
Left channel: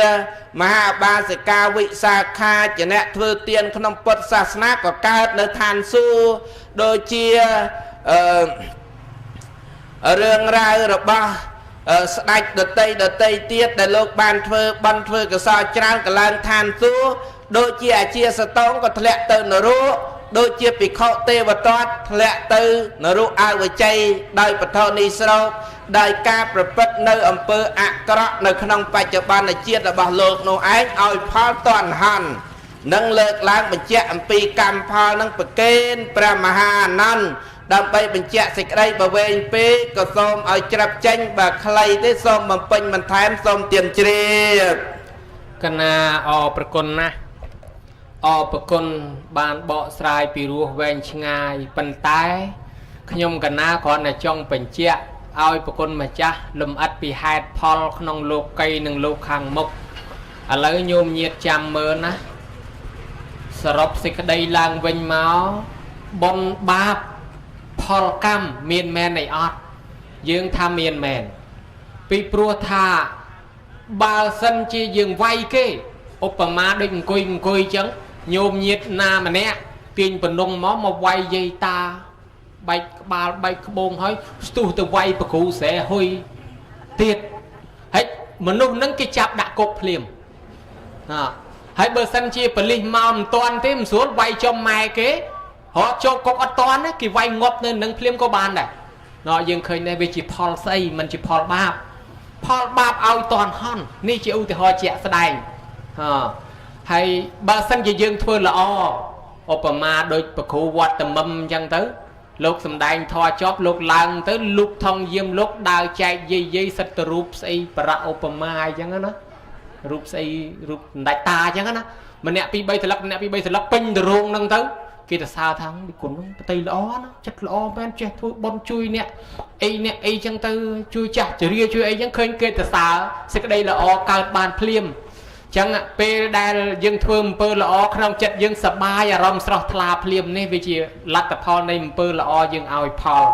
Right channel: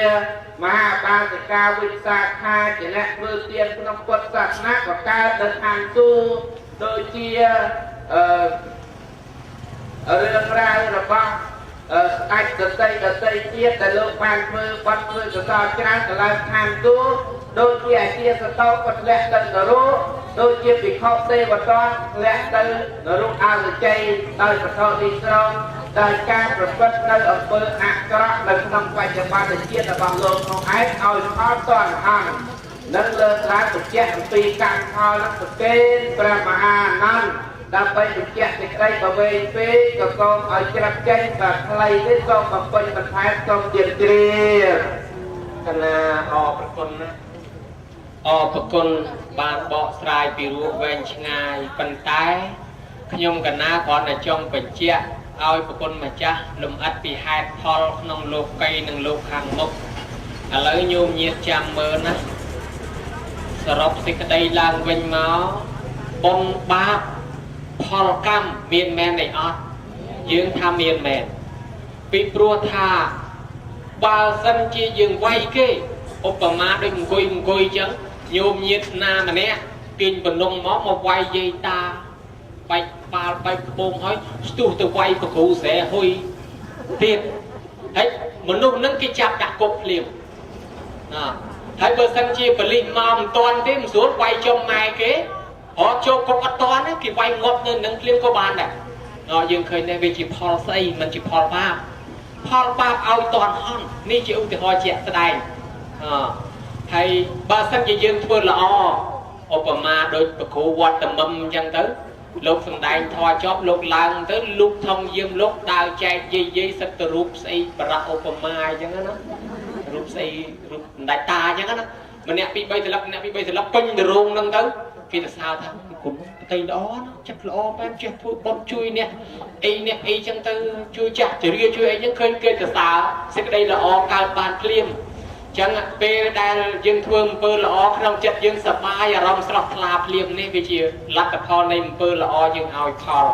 មហាបាសិកាវិសាខាជាអ្នកធ្វើទានក្នុងពុទ្ធសាសនាក៏កើតនៅឋានសួគ៌ដូចជារឿងរ៉ាវរបស់ស្ដេចដតីទៀតដែលលោកបានធ្វើបន់ធ្វើកុសលច្រើនកឡើងឋានសួគ៌ដូចជាអាជាសតោក៏ធ្លាក់ទៅនរកដូចជាភិក្ខុទេវទត្តធ្លាក់ទៅនរកអវជ័យដោយបឋមនិស្រោដោយការប្រព្រឹត្តនៅអំពើអាក្រក់នៅក្នុងបច្ចុប្បន្នជាតិរបស់លោកនោះឯងឲ្យផលតណ្ហន់នឹងលើកឡើងបញ្ជាក់អំពីកម្មផលនឹងប្រកេនព្រះមហាអានន្ទដើម្បីបញ្ជាក់សេចក្តីបវែងពេកក៏សូមឲ្យច្រាប់ចេញបើខ្លីទេសូមបំពេញបន្ថែមសូមទាមជ្រាបកណាអរប្រគុណណាស់អរប្រគុណបានបកស្រាយពីរោះវែងឆ្ងាយប៉ុន្តែខ្ញុំកណាគ្រាន់តែចង់បញ្ជាក់ឲ្យប្រគុណម្ចាស់លំអិតពីហេតុផលក្នុងលោកីនិងលោកខាងមុខឥឡូវញោមញាតចាំមើលណាសរុបសេចក្តីឡើងវិញមកបុណ្យបាបផលកម្មមានមែនអីអត់យើងថាមានមែនពីព្រោះថាបើសិនជាយើងវាយគេឧបមាដូចអង្គុយចឹងញោមញាតណាម្នាក់ទាញបំណងមកវាយយាយតាបែកក្បាលបែកក្បូងហើយស្ទុះទៅវាយប្រគ្រូស្រែហ៊ុយទៀតហើយមនុស្សនឹងគេចាប់ដាក់គុកភ្លាមហើយបើសិនជាប៉ូលីសមកមិនទាន់ទេមិនស្រួលវាយចំម៉ែគេរកចូលគុកអត់ទាន់ទេគេវាយងប់នៅនឹងភ្លាមក៏បានដែរយើងឃើញដែរវាជាផលស្អីមិនជាផលបាបឲ្យតន់ហន់នេះជាឧទាហរណ៍ជាក់ស្ដែងហើយបើសិនជាយើងធ្វើល្អឧបមាដូចប្រគ្រូវត្តតមឹមអញ្ចឹងទៅលោកសំដែងធម៌ចប់លោកឡើងទៅលុកថងយាមលោកដើរចែកយាយសិតទៅរូបស្អីបរៈឧបមាអញ្ចឹងណារូបស្អីរូបសម្ដេចតាអញ្ចឹងណាម្នាក់ពីរបីត្រឡប់ពេញទៅរោងហ្នឹងទៅគេទៅសើថាគុណប្រតិល្អណាចិត្តល្អមែនចេះធ្វើបុណ្យជួយអ្នកអីចឹងទៅជួយចាស់ជរាជួយអីចឹងឃើញគេទៅសើសេចក្តីល្អកើតបានភ្លាមចឹងពេលដែលយើងធ្វើអំពើល្អក្នុងចិត្តយើងសប្បាយអារម្មណ៍ស្រស់ថ្លាភ្លាមនេះវាជាលទ្ធផលនៃអំពើល្អយើងឲ្យផល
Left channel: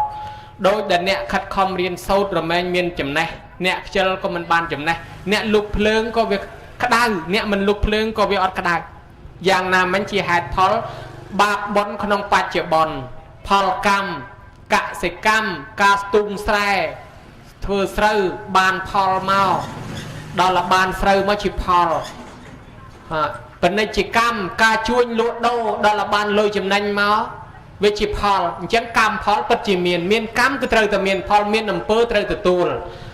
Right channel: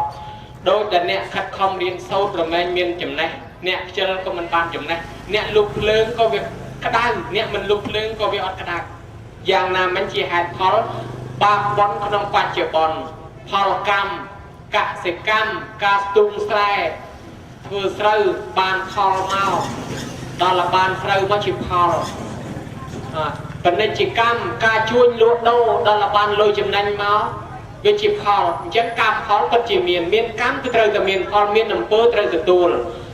ដោយដែលអ្នកខិតខំរៀនសូត្ររមែងមានចំណេះអ្នកខ្ជិលក៏មិនបានចំណេះអ្នកលុបភ្លើងក៏វាក្តៅអ្នកមិនលុបភ្លើងក៏វាអត់ក្តៅយ៉ាងណាមិញជាហេតុផលបាបបុណ្យក្នុងបច្ចុប្បន្នផលកម្មកសិកម្មការស្ទូងស្រែធ្វើស្រូវបានផលមកដល់បានស្រូវមកជាផលពាណិជ្ជកម្មការជួញលក់ដូរដល់បានលុយចំណេញមកវាជាផលអញ្ចឹងកម្មផលពិតជាមានកម្មគឺត្រូវតែមានផលមានអំពើត្រូវទទួល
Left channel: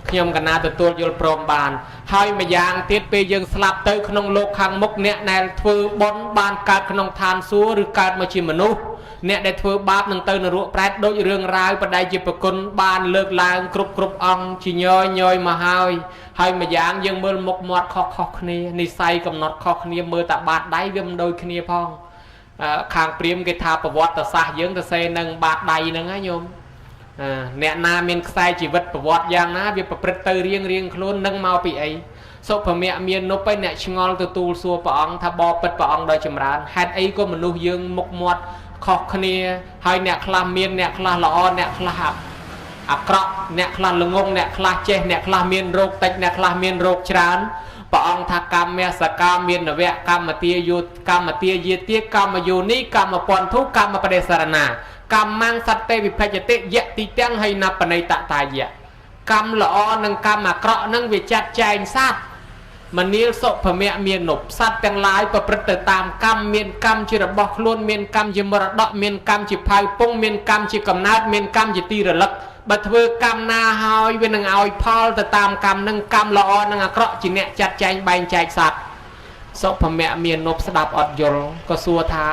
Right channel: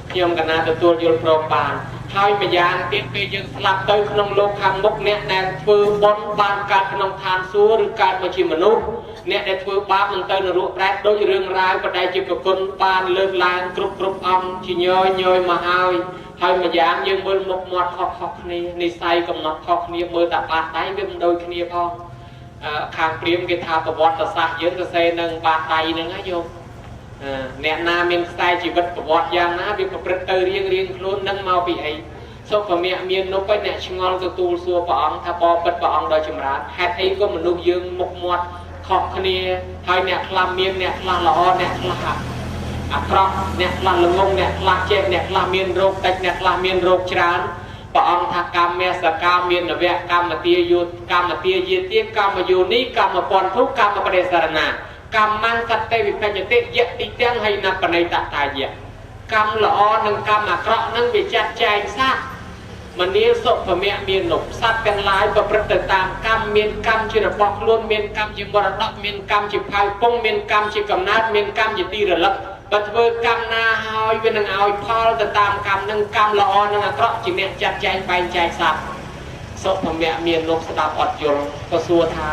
ខ្ញុំកណាទទួលយល់ព្រមបានហើយម្យ៉ាងទៀតពេលយើងស្លាប់ទៅក្នុងលោកខាងមុខអ្នកដែលធ្វើបុណ្យបានកើតក្នុងឋានសួគ៌ឬកើតមកជាមនុស្សអ្នកដែលធ្វើបាបនឹងទៅនរកប្រែតដូចរឿងរ៉ាវបដិជាប្រគុណបានលើកឡើងគ្រប់អង្គជាញយមកហើយម្យ៉ាងយើងមើលមុខមាត់ខុសគ្នានិស័យកំណត់ខុសគ្នាមើលតែបាតដៃវាមិនដូចគ្នាផងខាងព្រាហ្មណ៍គេថាប្រវត្តិសាស្ត្រយើងទៅសេនឹងបាតដៃហ្នឹងណាញោមអ្នកណាមានខ្សែជីវិតប្រវត្តិយ៉ាងណាវាប្រព្រឹត្តទៅរៀងខ្លួននឹងមកពីអីសុភមៈមាននោះឯអ្នកឆ្ងល់ទទួលសួរព្រះអង្គថាបបិទ្ធព្រះអង្គដោយចម្រើនហេតុអីក៏មនុស្សយើងមុខមាត់ខុសគ្នាហើយអ្នកខ្លះមានអ្នកខ្លះល្អអ្នកខ្លះ អាក្រក់អ្នកខ្លះល្ងងអ្នកខ្លះចេះអ្នកខ្លះមានរោគតិចអ្នកខ្លះមានរោគច្រើនព្រះអង្គថាកម្មសកាមាននវៈកម្មទាយុកម្មទាយេទាកម្មយោនីកម្មពន្ធុកម្មបរិសរណាកម្មងសតេវិភច្ចតិយតិទាំងហើយណាបណៃតតាយៈកម្មល្អនិងកម្មអាក្រក់នឹងវាចាត់ចែងសត្វមនាលសុភមៈមាននុបសត្វទាំងឡាយប្រព្រឹត្តទៅតាមកម្មមានកម្មជារបស់ខ្លួនមានកម្មជាមរតកមានកម្មជាផៅពងមានកម្មជាកំណើតមានកម្មជាទីរលឹកបើធ្វើកម្មណាហើយវានឹងឲ្យផលទៅតាមកម្មនឹងកម្មល្អនិងអាក្រក់ជាអ្នកចាត់ចែងបែងចែកសត្វសុភមៈមាននុបស្ដាប់អត់យល់ក៏សួរថា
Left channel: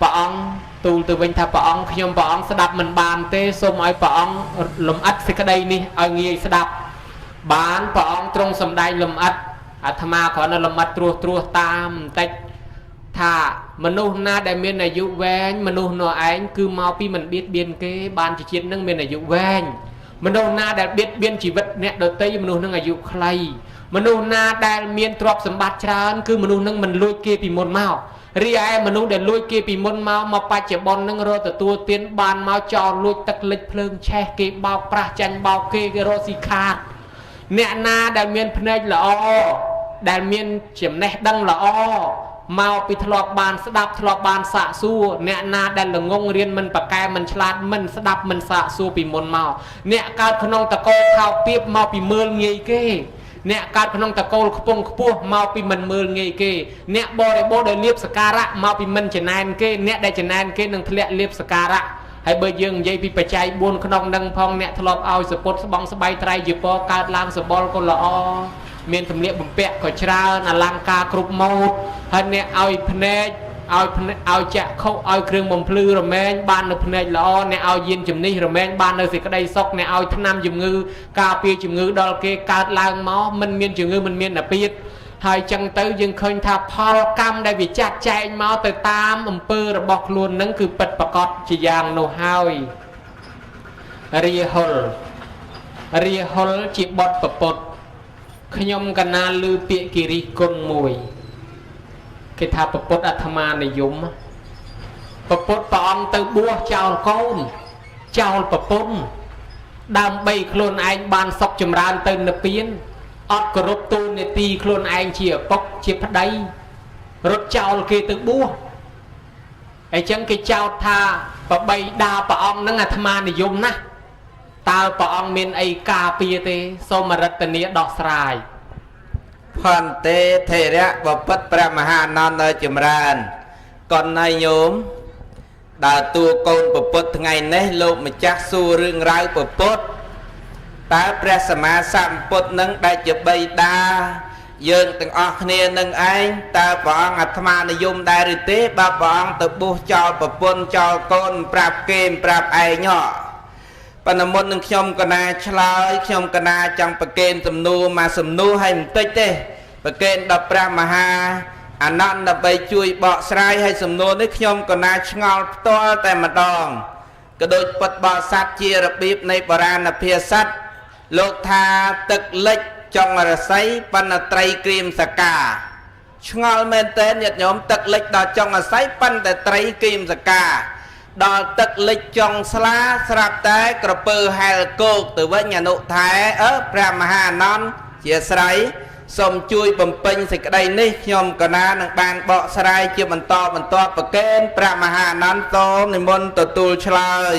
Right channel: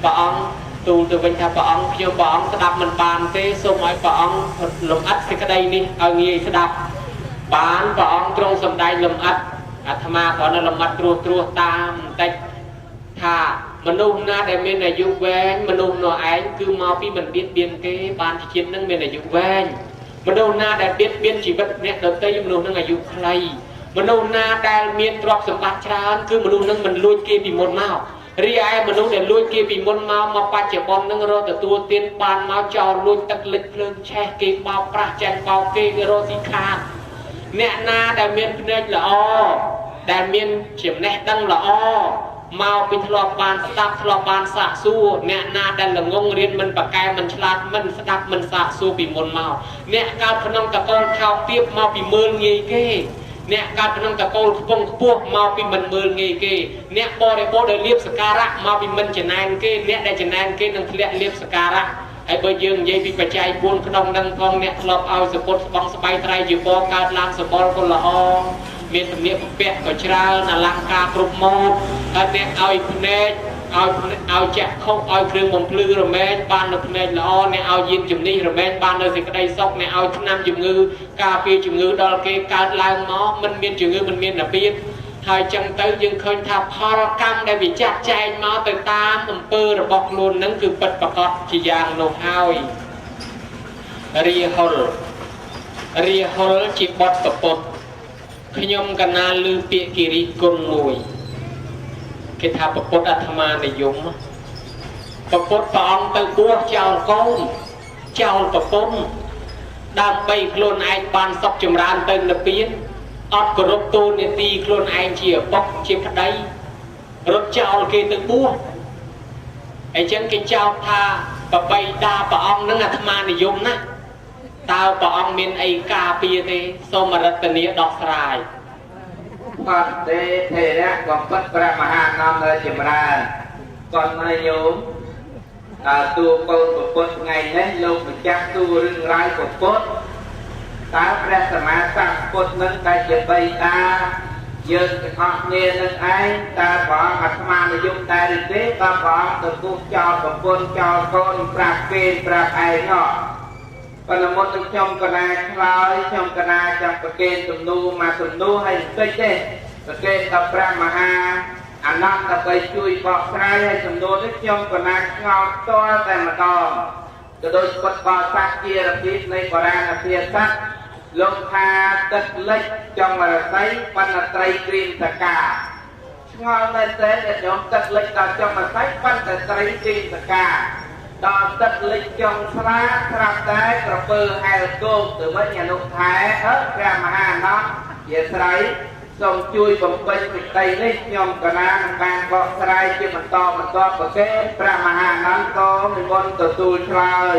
ព្រះអង្គទូលទៅវិញថាព្រះអង្គខ្ញុំព្រះអង្គស្ដាប់មិនបានទេសូមឲ្យព្រះអង្គលំអិតសេចក្តីនេះឲ្យងាយស្ដាប់បានព្រះអង្គទ្រង់សម្ដែងលំអិតអាត្មាគ្រាន់តែលំអិតត្រួសតាមបន្តិចថាមនុស្សណាដែលមានអាយុវែងមនុស្សនោះឯងគឺមកពីមិនបៀតបៀនគេបានជាជាតិនឹងមានអាយុវែងមនុស្សណាដែលបៀតបៀនជីវិតអ្នកដទៃមនុស្សនឹងអាយុខ្លីមនុស្សណាដែលមានទ្រព្យសម្បត្តិច្រើនគឺមនុស្សនឹងមិនលួចគេពីមុនមករីឯមនុស្សដែលលួចគេពីមុនមកបច្ចុប្បន្ននឹងរកទទួលទានបានមកចោលលួចទឹកលិចភ្លើងឆេះគេបោកប្រាស់ចាញ់បោកគេរកស៊ីខាតអ្នកណាដែលមានភ្នែកល្អដែលមានចំណេះដឹងល្អមកពីធ្លាប់បានស្ដាប់ធ្លាប់បានសាកសួរអ្នកណាដែលល្ងងរៀនមិនប្រកែមិនឆ្លាតមិនស្ដាប់មិនសាកសួរពីមុនមកអ្នកកើតក្នុងតកូលថោកទាបមកពីមើលងាយគេអ្នកកើតក្នុងតកូលខ្ពង់ខ្ពស់មកពីមិនមើលងាយគេអ្នកបរិបូរដែលលៀបសការៈមកពីមិនចំណែនគេអ្នកដែលចំណែនគេនឹងធ្លាក់លៀបសការៈហើយបើយើងនិយាយពីបច្ច័យ4ក្នុងនឹងផងអ្នកធ្លាប់ឲ្យសពុតស្បង់ស្បៃត្រៃជាពរកើតឡើងសបល់ក៏ល្អមានជំនាញបំពាក់ក៏ច្រើនអលង្ការគ្រប់ម៉ូដហើយអ្នកឲ្យភ្នែកឲ្យចាក់ខុសឲ្យគ្រឿងបំភ្លឺរមែងបាននៅភ្នែកល្អអ្នកឲ្យយានជំនិះរមែងបាននៅសេចក្តីសុខអ្នកឲ្យថ្នាំជំងឺការពារជំងឺដល់គេកើតឡើងមកមិនមានជំងឺមិនមានអាពាធហើយចឹងទៅយើងឃើញថាផលកម្មដែលវាចាត់ចែងមកទៅតាមអំពើរបស់ខ្លួននឹងគឺពិតប្រាកដជាយ៉ាងនោះហើយរាហុលជាបទប្រពុតខ្ញុំកណាលឺពាក្យគិរិគុណមួយគេថាប្រពុតអាត្មានិយមប្រពុតព្រះអង្គទៅបួសចោលកូនចោលប្រពន្ធដើម្បីខ្លួនឯងបានសុខចម្រើនទៅនិព្វានអត់គោរពទូលនីតិខ្លួនឯងជាឪពុកជាប្តីរត់ចោលគេទៅបួសអញ្ចឹងគេចោទថាប្របីដាព្រះអង្គនឹងអាត្មានិយមណាស់តើព្រះអង្គមានអីការពារទេសូមរតនាដោះស្រាយផន្ទេថេរៈបពិតព្រះមហាអនន្តនៅចម្រើនកនណាញោមដើរតួកូនប្រពុតថ្ងៃនេះលោកម្ចាស់សួររឿងរ៉ាវប្រពុតតើព្រះសម្មាសម្ពុទ្ធនឹងដែលជាបិតាយើងទាំងអស់គ្នានឹងឯងតើព្រះអង្គអាត្មានិយមដែរឬទេបើព្រះអង្គទៅបួសចោលប្រពន្ធចោលកូនប្រាប់គេប្រាប់ឯងប៉ុន្តែមុននឹងខ្ញុំកណាឆ្លើយខ្ញុំកណាចង់ប្រកេនសំណួរមកសំណួរឲ្យបន្តិចទេប្រកេនដល់ព្រះមហាអនន្តដើម្បីជួយបកស្រាយឲ្យសំណួរនេះខ្ញុំកណាឆ្ងល់ផ្ទាល់តែម្ដងក៏ដូចពុទ្ធបរិស័ទជារបៀបនៃបុរាណភាសាលោកថាទឹកលិចចង់រស័យបណ្ណត្រីក្រៀមសកាឆ្ងល់មែនតើញាតិញោមទឹកលិចដល់ចង់រស័យបណ្ណត្រីក្រៀមសកាដល់ទឹកលិចចង់ស្លាស្រាប់តែក្រពើហែលគោកទៅវិញអនុថែព្រះមហាអនន្តជាស្រ័យសូមជួយបំពេញសេចក្តីនេះខ្ញុំកណានឹងបានបកស្រាយជាបន្តប្រកេនព្រះមហាអនន្តតនិមន្តទទួលឆ្លើយ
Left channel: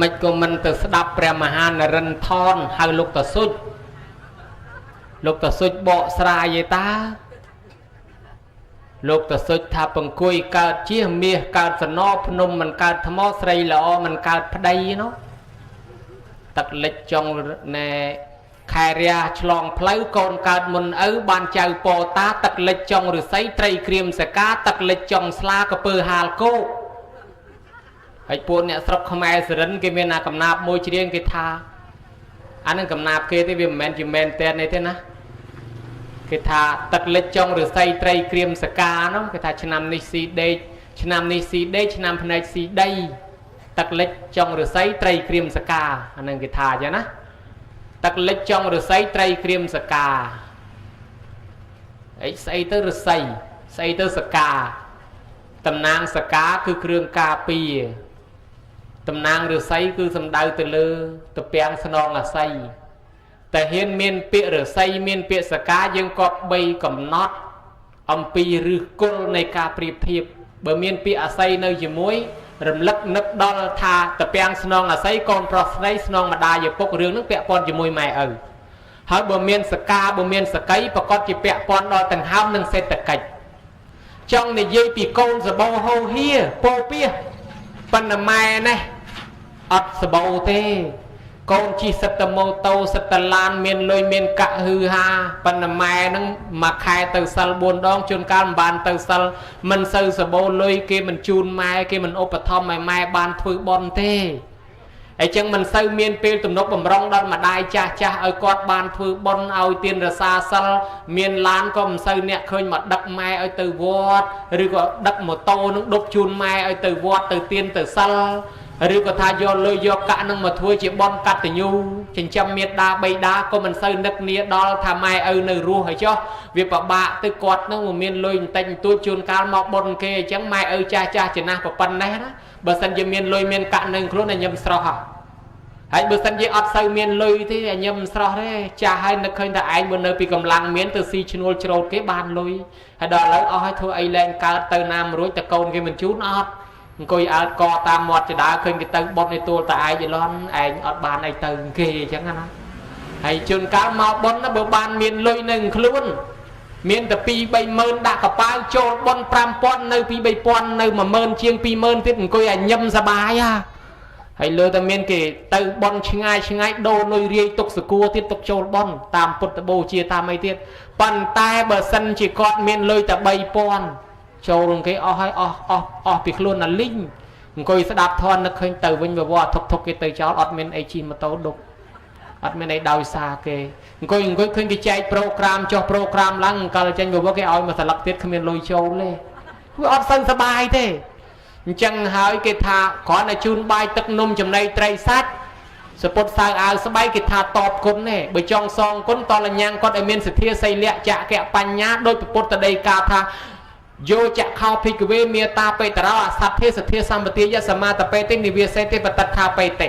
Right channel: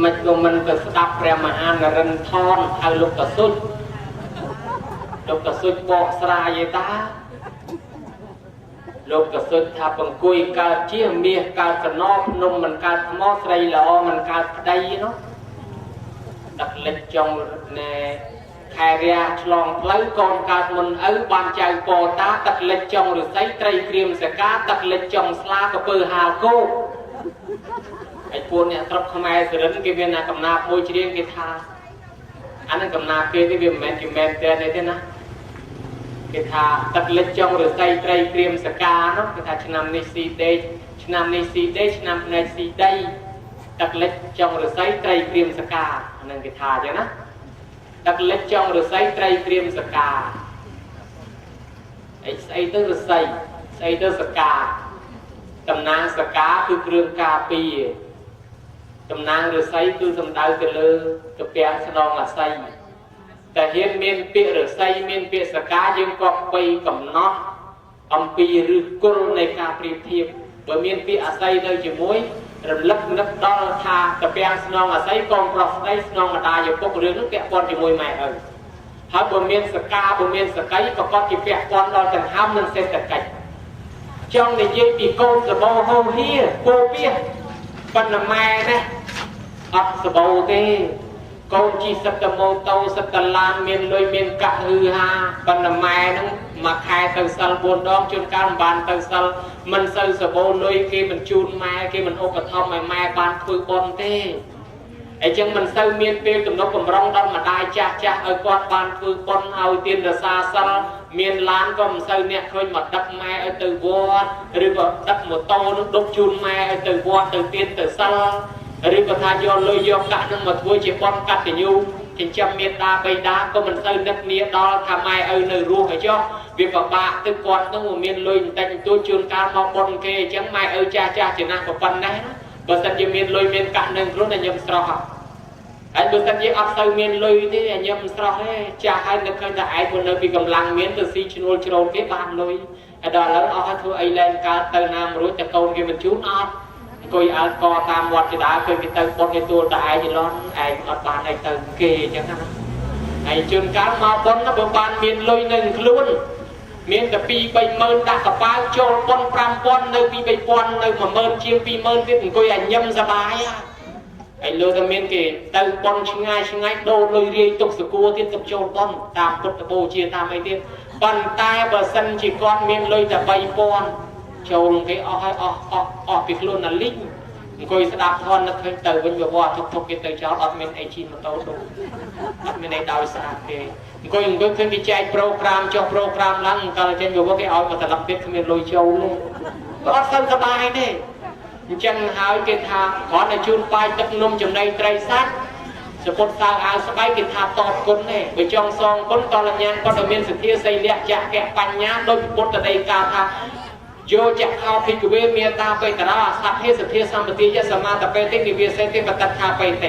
មិនក៏មិនទៅស្ដាប់ព្រះមហានរិន្ទថនហៅលោកតសុចបកស្រាយឯតាលោកតសុចថាបង្គួយកើតជាមាសកើតសណោភ្នំមិនកើតថ្មស្រីល្អមិនកើតប្តីនោះទឹកលិចចង់ណែខែរាឆ្លងផ្លូវកូនកើតមុនឪបានចៅពតាទឹកលិចចង់ឫស្សីត្រីក្រៀមសកាទឹកលិចចង់ស្លាកពើហាលគោហើយពួកអ្នកស្រុកខ្មែរសរិនគេមានកំណាព្យមួយច្រៀងគេថាអានេះកំណាព្យគេទេវាមិនមែនជាមែនតែនេះទេណាគេថាទឹកលិចចង់ឫស្សីត្រីក្រៀមសកានោះគេថាឆ្នាំនេះស៊ីដេកឆ្នាំនេះស៊ីដេកឆ្នាំភ្នែកស៊ីដីទឹកលិចចង់ឫស្សីត្រីក្រៀមសកាអានឹងគេថាអញ្ចឹងណាទឹកលិចចង់ឫស្សីត្រីក្រៀមសកាអីស្អីទៅឫស្សីស្អីទៅសកាតំណាងសកាគឺគ្រឿងការពារ តំណាងឫស្សីគឺសំដៅទៅលើទៅពាំងស្នងអាស័យតែហ៊ានមានពាក្យឫស្សីមានពាក្យសកាយើងក៏បីកំណត់អំពីឫសគល់នៃការប្រៀបធៀបបើមានពាក្យអាស័យនៅជាមួយរំលឹកនឹកដល់ថាទៅពាំងស្នងអាស័យកូនប្រុសស្រីស្នងម្ដាយឪពុករឿងនោះពាក់ព័ន្ធជាមួយម៉ែឪហើយបើមានសកាបើមានសកៃប្រកបជាពាក់ព័ន្ធដល់ដង្ហើមនិងសេដ្ឋកិច្ចចង់និយាយពីកូនសបោហូហៀពោពាប៉ុន្តែម៉ែនេះអត់សបោទេកូនជិះសិតតម៉ូតូសិតតឡានមានលុយមានកាក់ហឺហាប៉ុន្តែម៉ែហ្នឹងមួយខែទៅសិល4ដងជួនកាលមិនបានទៅសិលមិនសូវសបោលុយគេមិនជូនម៉ែគេមិនឧបត្ថម្ភឲ្យម៉ែបានធ្វើបុណ្យទេអញ្ចឹងមិនសូវមានពេលទំនុកបំរុងដល់ម្ដាយចាស់ឲ្យគាត់បានធ្វើបុណ្យឲ្យទានរសាសិលមានឡានក៏មិនសូវអ្នកឃើញមកដឹកម៉ែឲ្យទៅវត្តឬក៏ដឹកម៉ូតូនឹងដុបជូនម៉ែឲ្យទៅវត្តទៅទានទៅសិលឬក៏ថាយកលុយយកកាក់នឹងមកធ្វើជាបុណ្យកតញ្ញូចិញ្ចឹមមេត្តាបិតាក៏មិនសូវនឹកនាដល់ថាម៉ែឪនៅរស់ហើយចុះវាពិបាកទៅគាត់នឹងមានលុយបន្តិចបន្តួចជួនកាលមកបុណ្យគេអញ្ចឹងម៉ែឪចាស់ចំណាស់ប៉ុណ្ណេះណាបើសិនជាមានលុយមានកាក់នឹងខ្លួនតែខ្ញុំស្រស់ហើយបើសិនជាអត់សូវមានលុយទេខ្ញុំមិនស្រស់ទេចាស់ហើយនឹកឃើញថាឯងនៅពីកម្លាំងមានទៅស៊ីឈ្នួលជ្រោតគេបានលុយហើយដល់ឥឡូវអស់ហើយធ្វើអីឡើងកើតទៅណាមិនរួចតែកូនគេមិនជូនអត់អង្គុយអើកតាមមាត់ចដាឃើញគេទៅបុតឲ្យទួលតែឯងឡងឯងអត់បានអីទៅគេអញ្ចឹងណាហើយជួនកាលមកបុតណាបើបានមានលុយនៅខ្លួនមានតែ2-3ម៉ឺនដាក់កប៉ាល់ចូលបុត5,000នៅ2-3,000នៅ10000ជាង20000ទៀតអង្គុយឲ្យញឹមសបាយហ่าហើយលើតែមានគេទៅបុនឆ្ងាយដូរលុយរាយទុកសគួរទៀតទុកចូលបុនតាមពុទ្ធបូជាតាមអីទៀតប៉ុន្តែបើសិនជាគាត់មានលុយតែ3,000ចូលគេអស់ហើយអស់ពីខ្លួនណាលីងអង្គុយស្ដាប់ធម៌នឹកឃើញទៅវិញវត្តធុកគេទៅចោលអត់មានអីជិះម៉ូតូដុកអត់មានអីដោយសារគេអង្គុយឃើញគេចែកប្រូក្រាមចុះប្រូក្រាមឡើងកាលចេញមកគេឲ្យមកស្លឹកទៀតគ្មានលុយចូលទេវាអត់សឹងសបាយទេអញ្ចឹងហើយគេថាគ្រាន់តែជូនបាយទឹកនំចំណីត្រីសាច់សពុតសើអាវស្បៃគេថាតបគុណទេបើចង់សងគុណតលញ្ញាណគាត់ឲ្យមានសទ្ធាសីលៈចក្របញ្ញាដោយពុទ្ធដីកាថាយោចក្ខោភិក្ខវេមេតាបេតរោអសទ្ធិសទ្ធាសម្បទាយសមាតបេតិនិវាសេតិបតថាបេតិ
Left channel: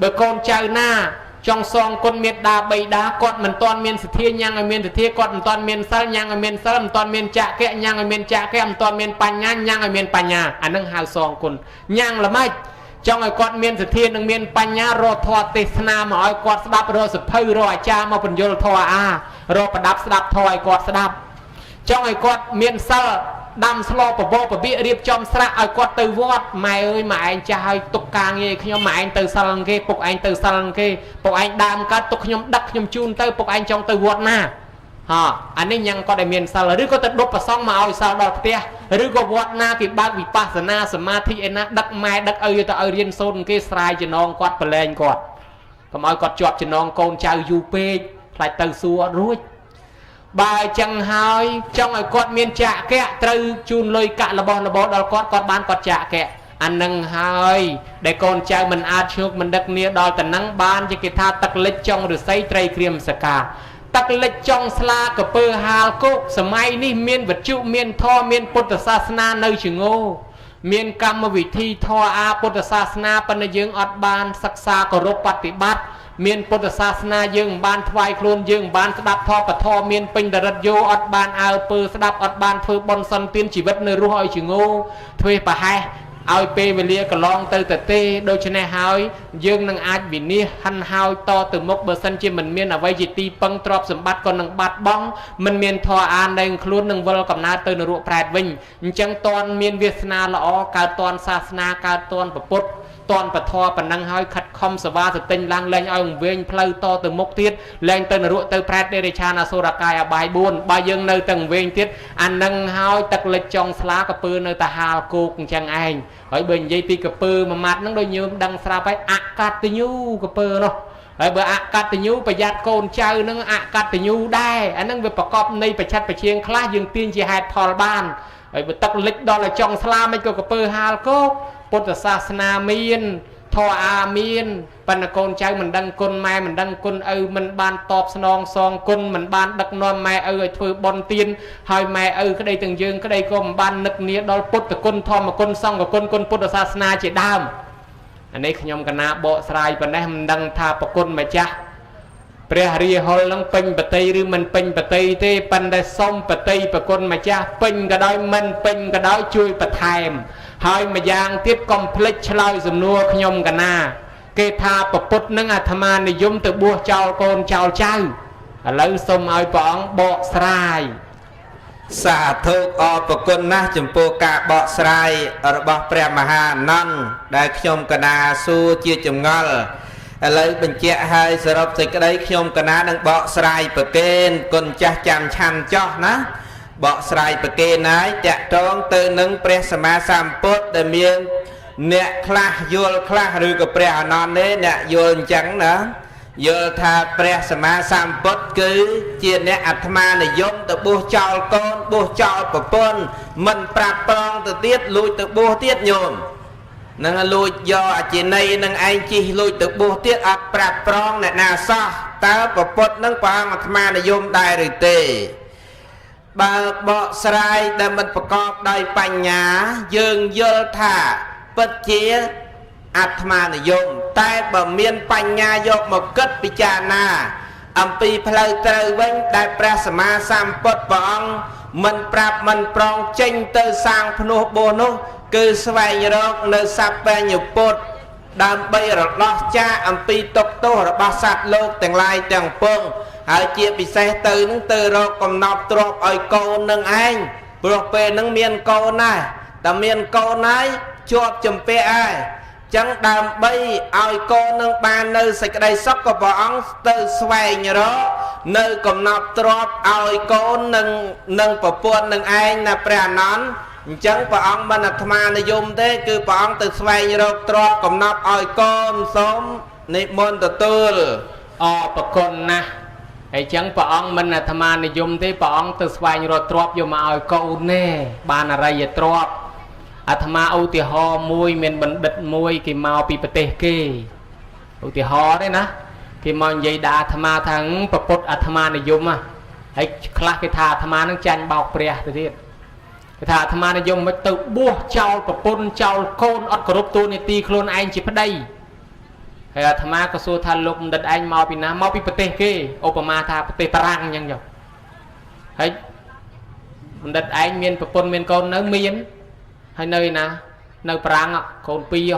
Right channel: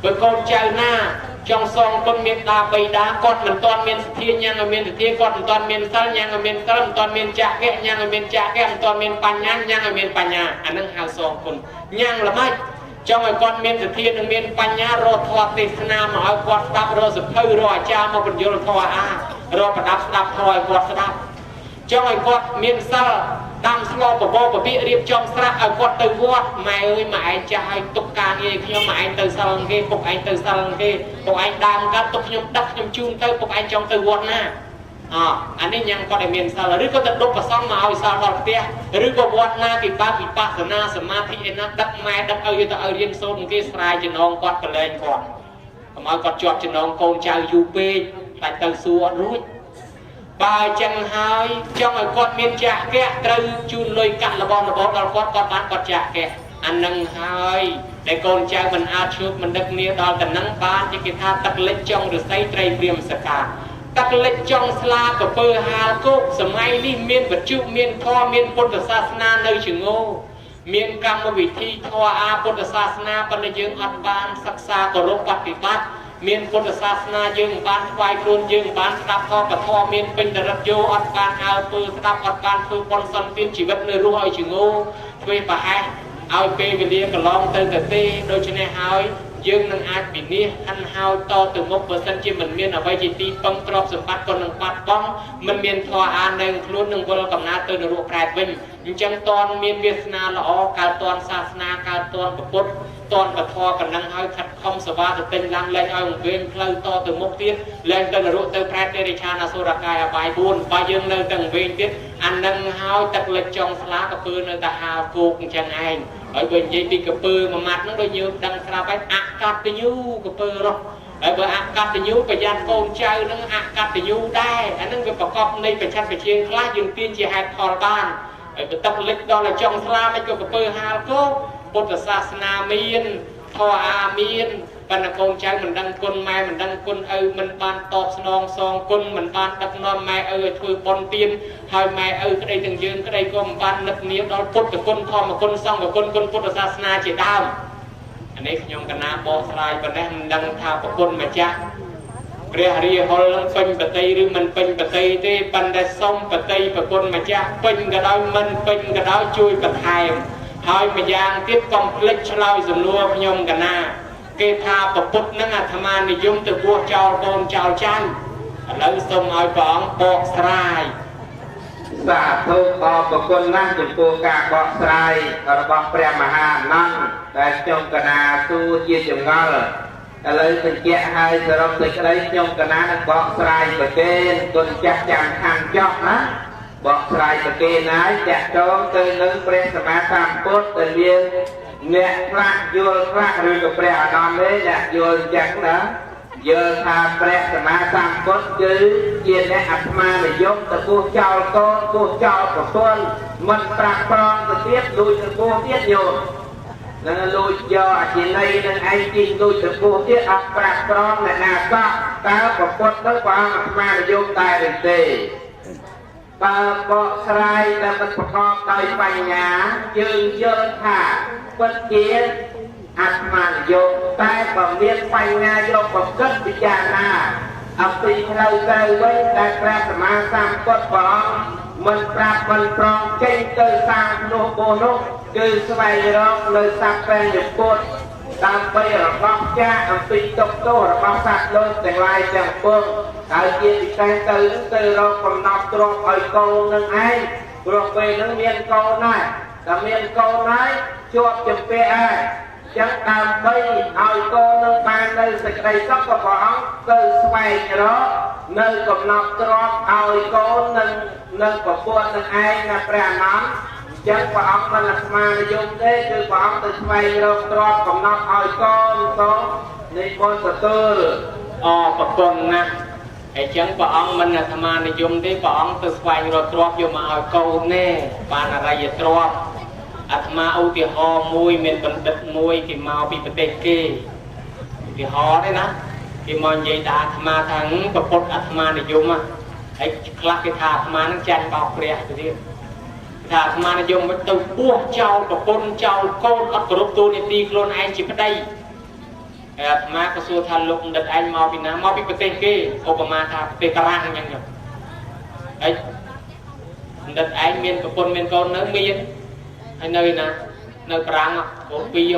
បើកូនចៅណាចង់សងគុណមេត្តាបិតាគាត់មិនទាន់មានសទ្ធាញ៉ាំងឲ្យមានសទ្ធាគាត់មិនទាន់មានសិលញ៉ាំងឲ្យមានសិលមិនទាន់មានចក្ខៈញ៉ាំងឲ្យមានចក្ខៈមិនទាន់មានបញ្ញាញ៉ាំងឲ្យមានបញ្ញាអានឹងហៅសងគុណញ៉ាំងល្មិចចង់ឲ្យគាត់មានសទ្ធានិងមានបញ្ញារកធម៌ទេសនាមកឲ្យគាត់ស្ដាប់រកសភៅរកអាចារ្យមកបញ្យល់ធម៌រកប្រដាប់ស្ដាប់ធម៌ឲ្យគាត់ស្ដាប់ចង់ឲ្យគាត់មានសិលដាំស្លោបបបវិរៀបចំស្រាក់ឲ្យគាត់ទៅវត្តម៉ែអើយម៉ែឯងចាស់ឲ្យទុកការងារខ្ញុំម៉ែឯងទៅសិលគេពុកឯងទៅសិលគេពុកឯងដើមកើតទុកខ្ញុំដឹកខ្ញុំជូនទៅពុកឯងចង់ទៅវត្តណាអានេះញ៉ាំគាត់ឲ្យមានសិលឬក៏ទៅដុតប្រសងមកឲ្យសិលដល់ផ្ទះឬក៏វត្តណាគេបើកវិបស្សនាសមាធិឯណាដឹកម៉ែដឹកឪទៅឲ្យរៀនសូត្រគេស្រាយចំណងគាត់ប្រឡែងគាត់កុំឲ្យគាត់ជាប់ចំណងកូនចៅយូរពេកខ្លាចទៅសួរអត់រួចបើចឹងហើយចង់ឲ្យគាត់មានចក្ខៈត្រូវជូនលុយកាក់របស់ដល់គាត់បានគាត់ចក្ខៈអានឹងហើយដែលកូនចៅមិនអាចឈប់មិនដឹកនាដល់តែនឹងបានជាគេថាទឹកលិចចុងឫស្សីត្រីក្រៀមសកាទឹកលិចចុងស្លាកពើហាលគោកសម័យនេះមានវត្ថុមានធម៌មានពុទ្ធសាសនានៅជាងោមានកម្មវិធីធម៌ពុទ្ធសាសនាប៉ុន្តែយើងអត់បានសិក្សាគោរពបប្រតិបត្តិមានពុទ្ធសាសនាយើងមិនបានថ្វាយខ្លួនយើងមិនបានស្ដាប់ធម៌ពធមានពេញដរិតយោអត់បានអើពើស្ដាប់អត់បានធ្វើបុណ្យសន្តានជីវិតនៅរស់ឲ្យជាងោធ្វើប្រហែសឲ្យពេលវេលាកន្លងទៅទេដូច្នេះហើយយើងនឹងអាចវិនិច្ឆ័យហិនហោចតទៅមុខបើសិនជាមិនមានអ្វីជាទីពឹងទ្រព្យសម្បត្តិក៏នឹងបាត់បង់មិនមានធម៌អាននៅខ្លួននឹងវិលកំណើតទៅនរកប្រែតវិញអញ្ចឹងតនមានវាសនាល្អកើតតនសាសនាកើតតនពុទ្ធតនពធប៉ុណ្ណឹងហើយខិតខំសវាសតិញឡើងលែងឲ្យវែងផ្លូវតទៅមុខទៀតលែងទៅនរកទៅប្រែតដេរឆានអសុរកាយអបាយ4បើយើងនៅទៅវែងទៀតអានឹងហើយទឹកលិចចុងស្លាកពើនៅតែហាលគោកអញ្ចឹងឯងហើយបើនិយាយទីកពើមួយម៉ាត់ហ្នឹងដូចយើងដឹងស្រាប់ហើយអកតញ្ញូកពើនោះហើយបើអកតញ្ញូប្រយ័ត្នកូនចៅហ្នឹងអកតញ្ញូដែរអាហ្នឹងវាប្រកបនៃបច្ឆិតបជាងខ្លះយើងទាញជាហេតុផលបានហើយបើទឹកលិចដល់ឲ្យចុងស្លាមិនក៏កពើហាលគោកពុទ្ធសាសនាមានធម៌មានប៉ុន្តែកូនចៅមិនដឹងគុណម៉ែមិនដឹងគុណឪមិនបានតបស្នងសងគុណមិនបានដឹកនាំម៉ែឪឲ្យធ្វើបុណ្យទានហើយម៉ែឪក្តីទាំងយើងក្តីក៏មិនបាននឹកនាដល់ពុទ្ធគុណធម្មគុណសង្ឃគុណគុណពុទ្ធសាសនាជាដើម anh ấy nhom cái na bộ sài bên đây mình đăng thà bậc quân mà chaព្រះរាហុលនឹងពេញបតីឬមិនពេញបតីទេប៉ុន្តែសុំបតីប្រគុណម្ចាស់ពេញក៏ដោយមិនពេញក៏ដោយជួយបន្ថែមហើយម្យ៉ាងទៀតកុំភ្លេចឆ្លើយសំណួរខ្ញុំកណាគេថាប្រពុតនឹងអាត្មានិយមទៅបួសចោលកូនចោលចៅឥឡូវសូមឲ្យព្រះអង្គបកស្រាយសាធុអរប្រគុណណាស់ចំពោះការបកស្រាយរបស់ព្រះមហាអនន្តដែលខ្ញុំកណាសួរជាចម្ងល់ឥឡូវបញ្ជាក់ឲ្យសរុបសេចក្តីខ្ញុំកណានឹងបកស្រាយប្រកេនគុណចាស់ចាំឆាន់ចោះណាបកស្រាយប្រកេនហើយតាក់ទងទៅនឹងព្រះសម្មាសម្ពុទ្ធដែលមានអ្នកខ្លះយល់ខ្លះឬក៏ព្រះអនន្តទេអ្នកយល់អញ្ចឹងណាយល់ថាព្រះសម្មាសម្ពុទ្ធគឺជាអ្នកអាត្មានិយមទៅបួសចោលកូនបួសចោលប្រពន្ធមិនប្រាប់ប្រងទៅទៀតលួចទៅបួសទៀតញោមនឹងលួចយកអចិន័យនឹងឯងជិះលួចទៅបួសទៀតអត់ប្រាប់ប្រងអ្នកណាសោះតើប្រពុតនឹងព្រះអង្គអាត្មានិយមដែរឬទេបើបកស្រាយដែលមិនប្រកបដោយបញ្ញាយើងយល់ថាពិតជាអាត្មានិយមតែបើមានបញ្ញាយកមកគិតពិចារណាអំពីផ្លូវត្រូវវិញដែលព្រះសម្មាសម្ពុទ្ធព្រះអង្គមិនប្រាប់មិនប្រងចេញទៅសាងភ្នោះបួសនោះគឺស្វែងរកនៅសัพបញ្ញពុទ្ធដើម្បីរដោះចាកអំពីទុក្ខទោសរបស់សត្វលោកទាំងឡាយទាំងពួងហើយជាពិសេសទៅនឹងទៅរកកំណត់ទ្រព្យឲ្យកូននឹងឯងព្រោះពេលនឹងមានកូនណាស់តែមានកូនហើយជាប់ជំពាក់ហើយចឹងដើម្បីឲ្យកូននឹងបាននៅសេចក្តីសុខក៏ព្រះអង្គទៅស្វែងរកនៅកំណត់ទ្រព្យឲ្យកូននឹងប្រពន្ធនឹងឯងណាព្រះអនន្តអញ្ចឹងព្រះអង្គមិនអាត្មានិយមទេគឺព្រះអង្គទៅស្វែងរកទ្រព្យកំណត់ឲ្យកូនសូមនិមន្តទទួលអរប្រគុណណាស់ហើយចឹងព្រះអង្គមិនអាត្មានិយមទេព្រះអង្គទៅស្វែងរកទ្រព្យយកមកឲ្យកូនទេបានអរិយទ្រព្យអាត្មាឧទាហរណ៍មួយមានបណ្ឌិតមួយគេមកពីប្រទេសគេឧទាហរណ៍ទេណាគេមកនិយាយដល់អាត្មាថាប្រពុតអាត្មានិយមហើយខ្លះគេថាអាត្មានឹងចាញ់បោកព្រះទៅទៀតគេថាអាត្មានិយមមិនទៅបួសចោលប្រពន្ធចោលកូនអត់គោរពទូនីតិខ្លួនឯងជាប្តីហើយអាត្មាក៏សួរថាលោកបណ្ឌិតឯងមកពីណាមកពីប្រទេសគេឧបមាថាប្រទេសបារាំងអញ្ចឹងចុះហើយបណ្ឌិតឯងមានប្រពន្ធមានកូននៅមានហើយនៅណានៅប្រាំងកូនពីរ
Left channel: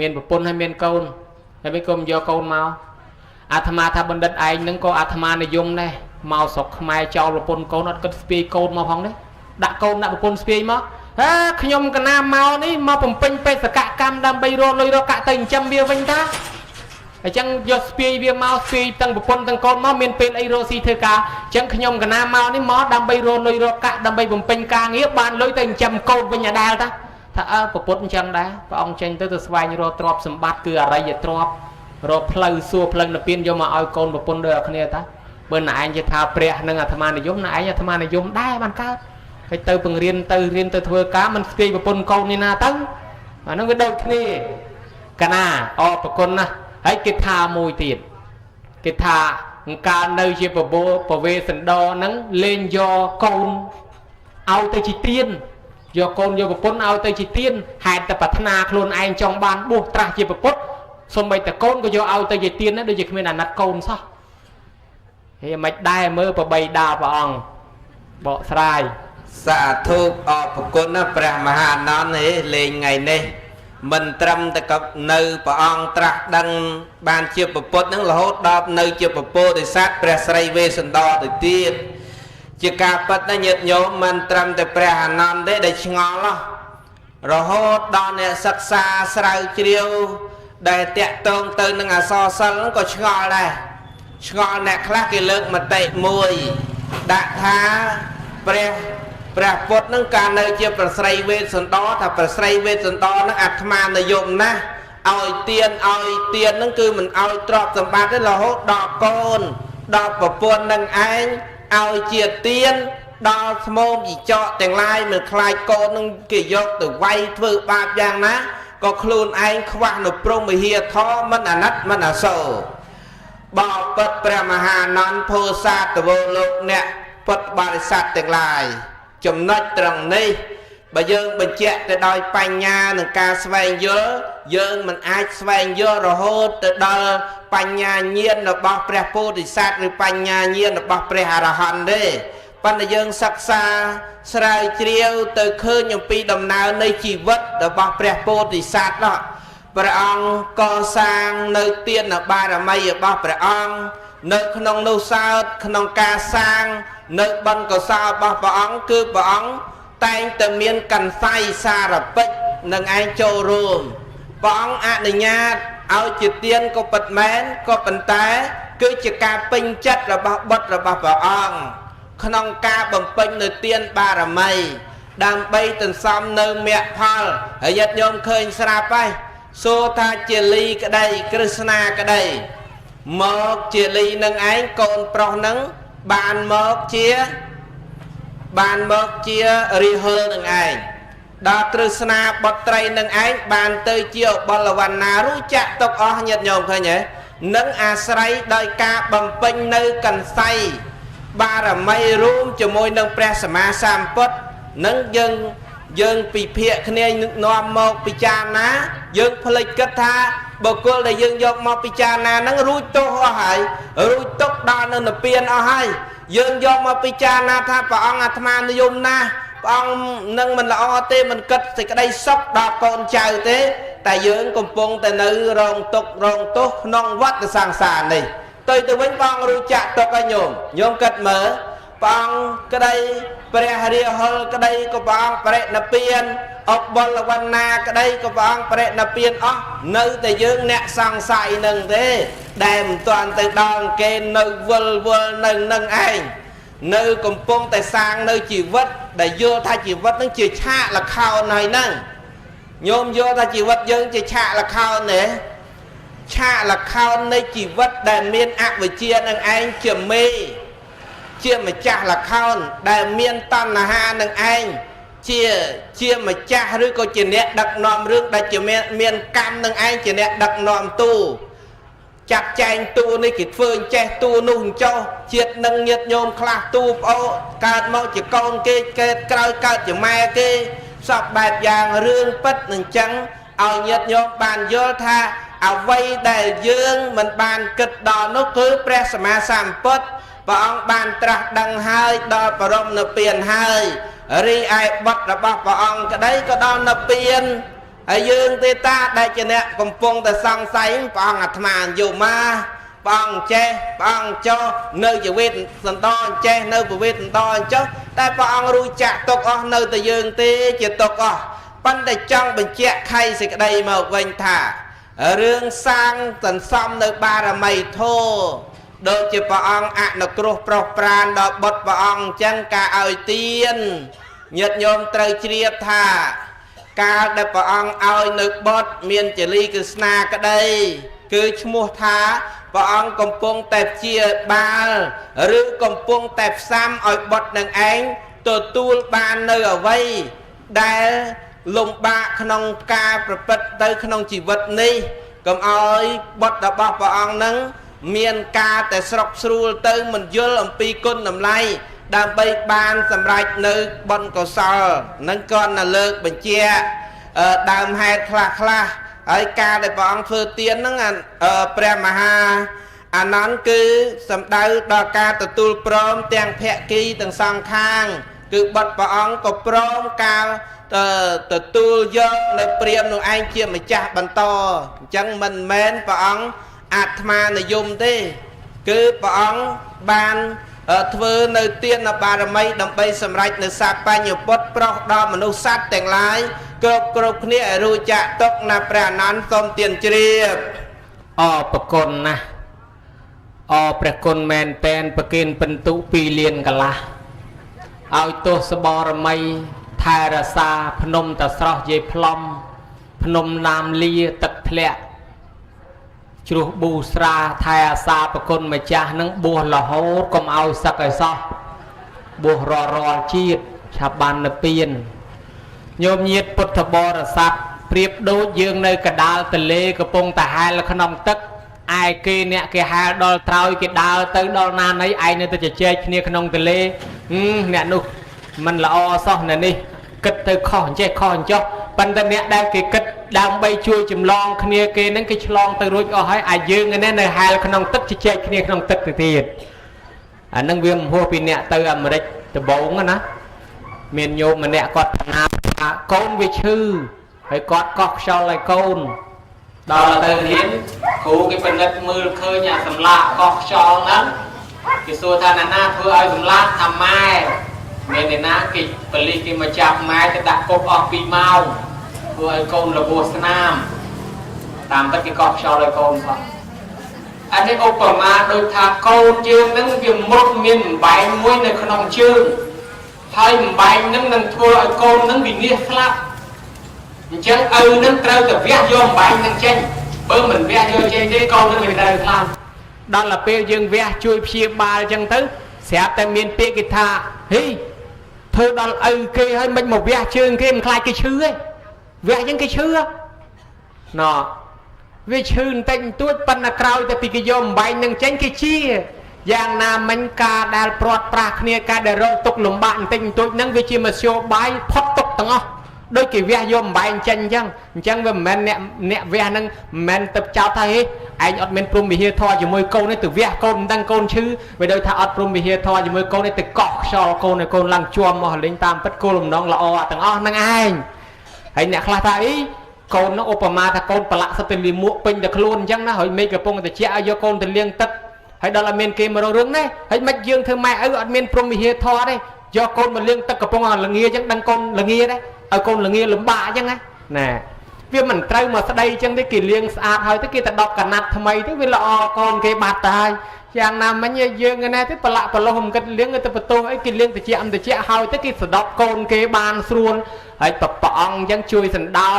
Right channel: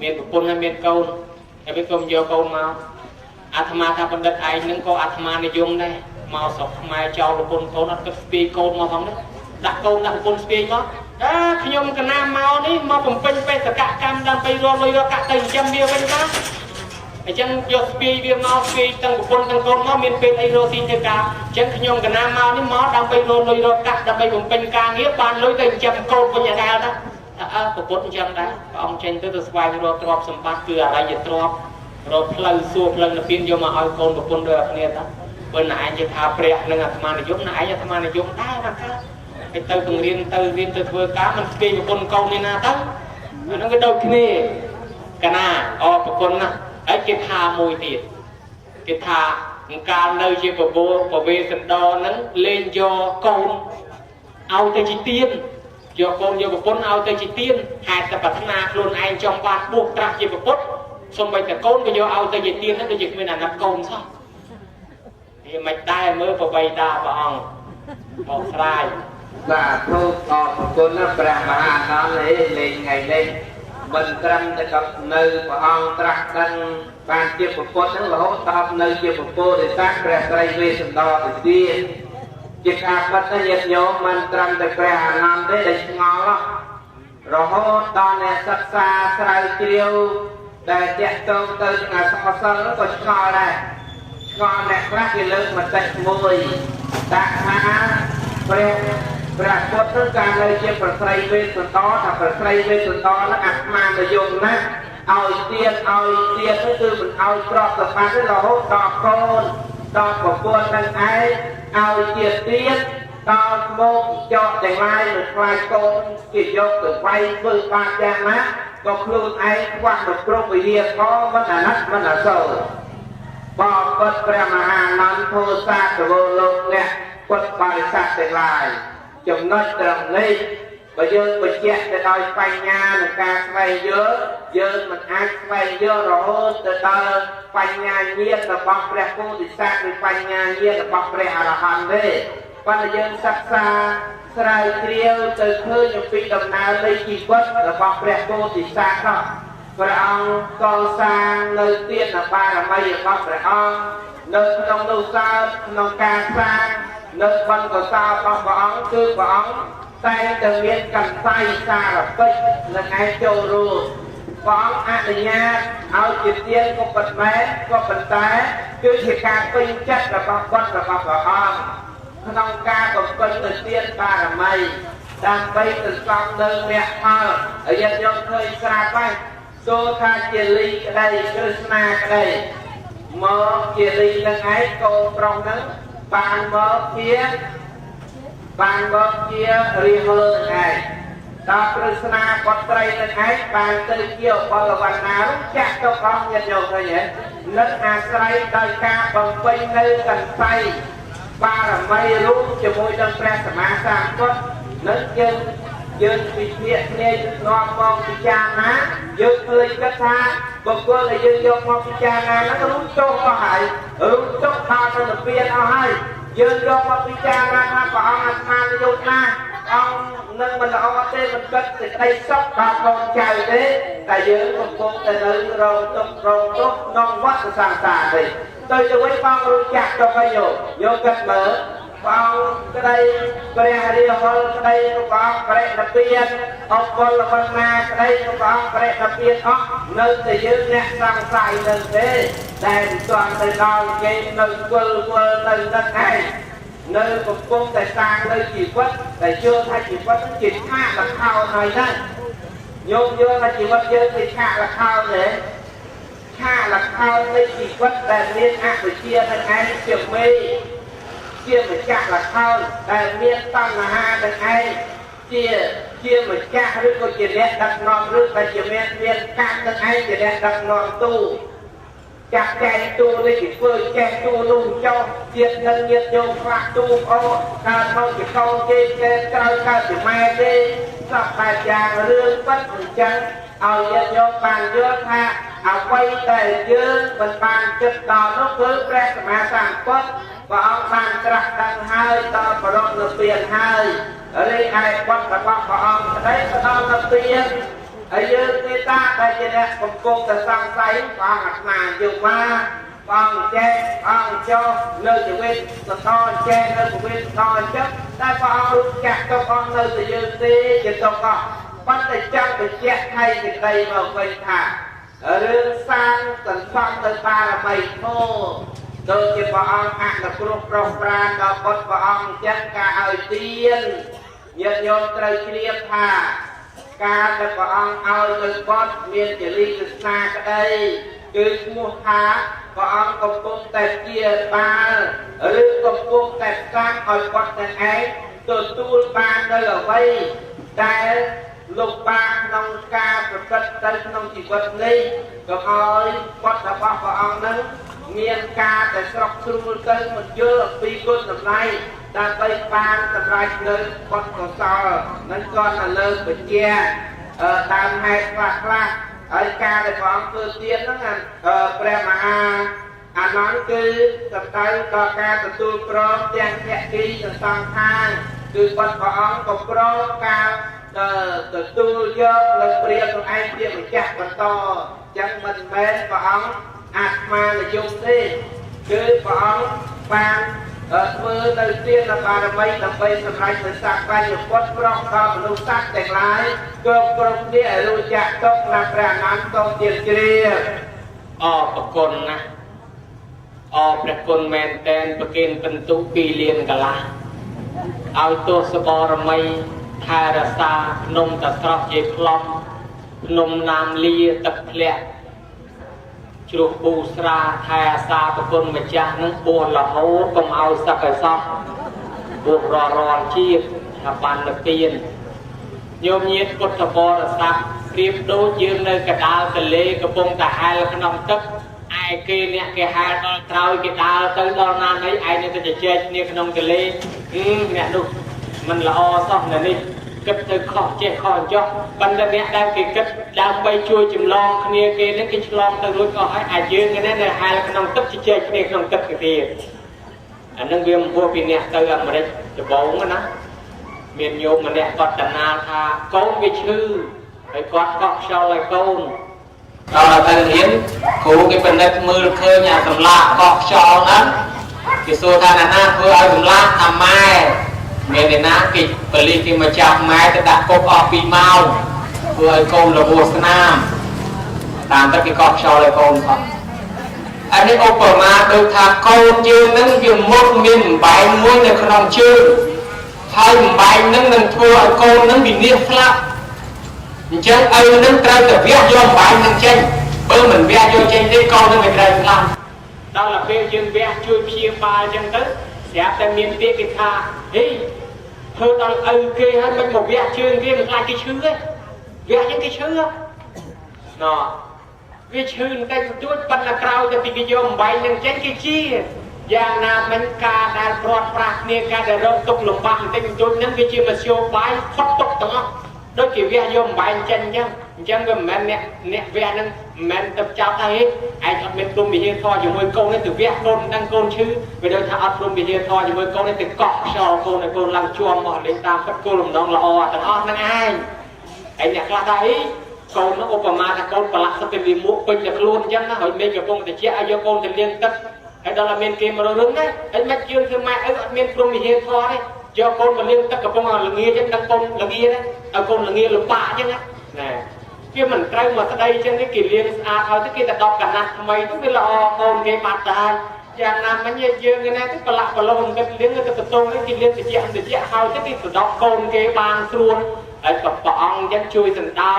មានប្រពន្ធហើយមានកូនតែវាក៏យកកូនមកអាត្មាថាបណ្ឌិតឯងនឹងក៏អាត្មានិយមដែរមកស្រុកខ្មែរចោលប្រពន្ធកូនអត់គិតស្ពាយកូនមកផងនេះដាក់កូនដាក់ប្រពន្ធស្ពាយមកខ្ញុំកណាមកនេះមកបំពេញបេសកកម្មដើម្បីរកលុយរកកាក់ទៅចិញ្ចឹមវាវិញតាអញ្ចឹងយកស្ពាយវាមកស្ពាយទាំងប្រពន្ធទាំងកូនមកមានពេលអីរកស៊ីធ្វើការអញ្ចឹងខ្ញុំកណាមកនេះមកដើម្បីរកលុយរកកាក់ដើម្បីបំពេញការងារបានលុយទៅចិញ្ចឹមកូនវិញដែរតាថាប្រពន្ធអញ្ចឹងដែរព្រះអង្គចេញទៅស្វែងរកទ្រព្យសម្បត្តិគឺអរិយទ្រព្យរកផ្លូវសួរផ្លូវនិព្វានយកមកឲ្យកូនប្រពន្ធដូចគ្នាតាបើណែឯងនិយាយថាព្រះនិងអាត្មានិយមណែឯងអាត្មានិយមដែរបានកើតហើយទៅបង្រៀនទៅធ្វើការមិនស្ពាយប្រពន្ធកូននេះណាទៅអានោះវាដូចគ្នាកណាអរប្រគុណណាស់ហើយគេថាមួយទៀតគេថាកាលនៅជាប្រវេសណ្ដហ្នឹងលេងយកកូនឲ្យទៅជាទានយកកូនយកប្រពន្ធឲ្យទៅជាទានហេតុតែប្រាថ្នាខ្លួនឯងចង់បានបួសត្រាស់ជាប្រពុតសូម្បីតែកូនក៏យកឲ្យទៅជាទានហ្នឹងដូចជាគ្មានអាណត្តិកូនសោះហើយមិនដែរមើលប្របីដាព្រះអង្គបកស្រាយសាធុអរគុណព្រះមហាអនន្តនេះលេងថ្ងៃនេះមិនត្រឹមតែក៏នៅព្រះអង្គត្រាស់ដឹងបានជាពុទ្ធនឹងរហូតដល់នៅជាពពោធិសត្វព្រះស្រីវេស្សន្តរទៅទៀតជាការពិតណាញាតិញោមមិនត្រឹមតែព្រះអនន្តទេដែលឆ្ងល់រហូតដល់អ្នកសិក្សាស្រាវជ្រាវដែលតាក់ទងទៅនឹងអក្សរសិល្ប៍ក៏ឆ្ងល់ដែរឆ្ងល់អ្នកខ្លះគេលើកមតិមួយដាក់ថាព្រះពុទ្ធនឹងការនៅជាប្រស្រីវេស្សន្តរថាប្រស្រីវេស្សន្តរនឹងអាត្មានិយមណាស់ឲ្យទាននឹងគឺមិនឲ្យទ្រព្យសម្បត្តិទេរហូតដល់កូនដល់ប្រពន្ធនឹងឯងឲ្យជាទានដល់ស្មោមជីចកទាំងឡាយនៅខ្លាចកូននឹងគេយកទៅវាយធ្វើបាបយ៉ាងណាក៏ខ្លួនឯងខ្វះនៅព្រំវិហារធម៌មិនអាណិតមិនអាសូរបបិទ្ធព្រះមហាអនន្តពោធិសាទវលោកអ្នកពុទ្ធបរិស័ទទាំងឡាយចំណុចត្រង់នេះ បើយើងបញ្ជាក់ទៅដោយបញ្ញានិងការស្វែងយល់យើងមិនអាចស្វែងយល់រហូតទៅដល់បញ្ញាញាណរបស់ព្រះពោធិសត្វឬបញ្ញាញាណរបស់ព្រះអរហន្តទេប៉ុន្តែយើងសិក្សាស្រាវជ្រាវទៅឃើញអំពីដំណើរនៃជីវិតរបស់ព្រះពោធិសត្វនោះព្រះអង្គកសាងនៅទានបារមីរបស់ព្រះអង្គនៅក្នុងនោះសើតក្នុងការសាងនៅបនកសលរបស់ព្រះអង្គគឺព្រះអង្គតែងតែមានកន្សៃសារពិតនឹងឯងចូលរួមព្រះអង្គអនុញ្ញាតឲ្យជាទានក៏ពិតមែនក៏ប៉ុន្តែគឺជាការពេញចិត្តរបស់បុត្ររបស់ព្រះអង្គក្នុងការបំពេញនៅទានបារមីដើម្បីសន្សំនៅមគ្គផលហើយញាតិញោមឃើញស្រាប់ហើយសូថាជាលីក្តីក្រឹស្នាក្តីមកជាលីនឹងឯងកូនប្រុសនឹងបានមកជារិហលនឹងឯងដល់ក្រឹស្នាបុត្រីនឹងឯងបានទៅជាបលវណ្ណារួចចាក់ទុកអស់ញាតិញោមឃើញទេនឹងអាស្រ័យដោយការបំពេញនៅកន្សៃបារមីរួមជាមួយនឹងព្រះសម្មាសម្ពុទ្ធនឹងយើងពិភាក្សាគ្នានាំមកពិចារណាយើងភ្លេចគិតថាបុគ្គលដែលយើងយកមកពិចារណានឹងរួចទុកអស់ហើយរួចទុកដល់នៅនិព្វានអស់ហើយយើងយកមកពិចារណាថាព្រះអង្គអាត្មានិយមណាស់ព្រះអង្គនឹងមិនល្អទេមិនគិតសេចក្តីសុខដល់កូនចៅទេតែយើងកំពុងតែនៅរងទុក្ខរងទោសក្នុងវដ្តសង្សារនេះទៅវិញព្រះអង្គរួចចាក់ទុកឲ្យញោមគិតមើលព្រះអង្គក្តីព្រះរាហុលក្តីក៏ព្រះអង្គបរិនិព្វានអបលវណ្ណាក្តីក៏ព្រះអង្គបរិនិព្វានអស់នៅតែយើងអ្នកសង្ស័យនឹងទេដែលមិនទាន់ទៅដល់គេនៅវិលនៅនឹងឯងនៅកំពុងតែសាងនៅជីវិតដែលយល់ថាជីវិតនឹងជាឆាកល្ខោនហើយហ្នឹងញោមយល់ថាជីវិតយើងជាឆាកល្ខោនទេឆាកល្ខោននៃជីវិតដែលមានអវិជ្ជានឹងឯងជាមេជាម្ចាស់ល្ខោនដែលមានតណ្ហានឹងឯងជាម្ចាស់ឬក៏ជាអ្នកដឹកនាំរឿងដែលជាមានកម្មនឹងឯងជាអ្នកដឹកនាំទូចាត់ចែងទូនេះគេធ្វើអញ្ចេះទូនោះអញ្ចោះជាតិនឹងញាតញោមខ្លះទូប្អូនកើតមកជាកូនគេកើតក្រោយកើតជាម៉ែគេសពបែបយ៉ាងរឿងពិតនឹងចឹងឲ្យញាតញោមបានយល់ថាអ្វីដែលយើងមិនបានគិតដល់នោះគឺព្រះសម្មាសម្ពុទ្ធព្រះអង្គបានត្រាស់ដឹងហើយដល់បរិនិព្វានហើយរីឯបុត្ររបស់ព្រះអង្គក្តីក៏ដល់និព្វានហើយយើងទេតាដែលជាអ្នកកំពុងតែសង្ស័យព្រះអង្គអាត្មាយកមកព្រះអង្គចេះព្រះអង្គចោះនៅជីវិតសន្តរចេះនៅជីវិតសន្តរចោះតែព្រះអង្គរួចចាក់ទុកអស់នៅតែយើងទេជាទុកអស់ប៉ុន្តែចង់បញ្ជាក់ខៃសេចក្តីមកវិញថារឿងសាងសន្សំនៅបារមីធម៌ដូចជាព្រះអង្គអនុគ្រោះប្រុសប្រានដល់បុត្រព្រះអង្គអញ្ចឹងការឲ្យទានញាតិញោមត្រូវជ្រាបថាការដែលព្រះអង្គឲ្យនៅបុត្រមានចលីក្រស្នាក្តីគឺឈ្មោះថាព្រះអង្គកំពុងតែជាបាលឬកំពុងតែផ្សាំឲ្យបុត្រនឹងឯងទទួលបាននៅអ្វីដែលលំបាកក្នុងការប្រព្រឹត្តទៅក្នុងជីវិតនេះកុំឲ្យបុត្ររបស់ព្រះអង្គនឹងមានការតែស្រុកស្រួលទៅមិនយល់អំពីគុណតម្លៃដើម្បីបានសម្រេចនៅបុណ្យកុសលនឹងក៏នៅលើកបញ្ជាដើមហេតុខ្លះហើយការដែលព្រះអង្គធ្វើទានហ្នឹងព្រះមហាអានន្ទគឺសំដៅដល់ការទទួលព្រមទាំងភក្គីទាំងសងខាងគឺបុត្រព្រះអង្គក៏ព្រមការទទួលយកនៅព្រាហ្មណ៍នោះឯងជាម្ចាស់បន្តអញ្ចឹងមិនមែនព្រះអង្គអាត្មានិយមទេគឺព្រះអង្គបានធ្វើនៅទានបារមីដើម្បីសម្រេចនៅសាបញ្ញពុទ្ធប្រុសដល់មនុស្សសត្វទាំងឡាយគ្រប់គ្នាឲ្យរួចចាក់ទុកណាព្រះអនន្តសូមទានជ្រាបអរប្រគុណណាស់អរព្រះគុណមែនតែនប្រគិនពិន្ទុ2លានកន្លះឲ្យទោសបរមីថែរក្សាភ្នំតស្រស់យាយផ្លុំភ្នំណាមលាទឹកធ្លាក់ជ្រោះប៊ូស្រាថែអាសាប្រគុណម្ចាស់នឹងបួសរហូតកុំឲ្យសឹកឲ្យសោះបួសរាល់ជាតិឆាប់បាននិព្វានញោមញាតិពុទ្ធបរិស័ទប្រៀបដូចយើងនៅកណ្ដាលទន្លេកំពុងតែហែលក្នុងទឹកឯគេអ្នកគេហែលដល់ត្រើយគេដើរទៅដល់ណាណីឯងនឹងទៅជជែកគ្នាក្នុងទន្លេអ្នកនោះមិនល្អសោះអ្នកនេះ គិតទៅខុសចេះខុសចុះប៉ុន្តែអ្នកដែលគេគិតដើម្បីជួយចម្លងគ្នាគេនឹងគេឆ្លងទៅរួចអស់ហើយអាចយើងនេះនៅហែលក្នុងទឹកជជែកគ្នាក្នុងទឹកទៅទៀតអានឹងវាមិនហួសពីអ្នកទៅអាមេរិកដំបូងណាមានញោមម្នាក់គាត់តណាថាកូនវាឈឺហើយគាត់កោះខ្យល់ឲ្យកូនដល់ទៅរៀនគ្រូគេពិនិត្យមើលឃើញអាសម្លាកកោះខ្យល់ហ្នឹងគេសួរថាណាធ្វើឲ្យសម្លាកថាម៉ែមានអ្នកណាគេប៉ូលីសគេមកចាប់ម៉ែទៅដាក់គុកអស់2ម៉ោងធ្វើឲ្យកូនរបួសស្នាមតាមទឹកគេកោះខ្យល់ឲ្យកូនផងអានេះឧបមាដូចថាកូនយើងនឹងវាមុតមានបំបែងមួយនៅក្នុងជើងហើយបំបែងនឹងនឹងធ្វើឲ្យកូននឹងវិនិច្ឆ័យស្លាប់អញ្ចឹងឪនឹងត្រូវតែវះយកបំបែងនឹងចេញបើមិនវះយកចេញទេកូននឹងមិនត្រូវស្លាប់ដល់ទៅពេលយើងវះជួយព្យាបាលអញ្ចឹងទៅស្រាប់តែមានពាក្យគេថាហេធ្វើដល់ឪគេហើយមិនមកវះជើងគេមិនខ្លាចគេឈឺទេវះអញ្ចឹងគេឈឺណ៎វាឈឺបន្តិចបន្តួចប៉ុន្តែក្រោយទៅពីគេយកបំបែងនឹងចេញគេជាយ៉ាងណាមិញការដែលព្រាត់ប្រាសគ្នាការដែលរងទុកលំបាកបន្តិចបន្តួចហ្នឹងវាជាមធ្យោបាយផុតទុកទាំងអស់ដូចគេវះយកបំបែងចេញអញ្ចឹងវាមិនមែនអ្នកវះហ្នឹងមិនមែនទៅចោទថាហេឯងអត់មានព្រមវិហារធម៌ជាមួយកូននេះទៅវះកូនមិនដឹងកូនឈឺវាដូចថាអត់ព្រមវិហារធម៌ជាមួយកូននេះទៅកក់ខ្យល់កូនឲ្យកូនឡើងជាប់មកលេងតាមទឹកគោលបំណងល្អទាំងអស់ហ្នឹងឯងហើយអ្នកខ្លះថាអីកូននោះឧបមាថាកូនប្រឡាក់សិតទៅលីមួកពេញតែខ្លួនអញ្ចឹងណាហើយមេឃកំពុងតែជាឲ្យយកកូនទៅលាងទឹកហើយដល់តែមានគេមករករឿងនេះហើយមិនយើងធ្វើម៉ែឪអត់មានព្រមវិហារធម៌ទេយកកូនមកលាងទឹកកំពុងតែល្ងាអញ្ចឹងដឹងកូនល្ងាដែរឲ្យកូនល្ងាលំបាកអញ្ចឹងណាវាមិនត្រូវមកស្ដីអញ្ចឹងទេគេលាងស្អាតហើយទៅគេទៅដកកណាត់ថ្មីទៅវាល្អកូនគេបាត់ទៅហើយយ៉ាងណាមិញយើងណាទៅប្រឡាក់ប្រឡោះមិនគិតលាងទៅបន្ទោអីគេលាងតិចហើយទៅគេសដកកូនគេបានស្រួលហើយព្រះអង្គអញ្ចឹងជួយសណ្ដោ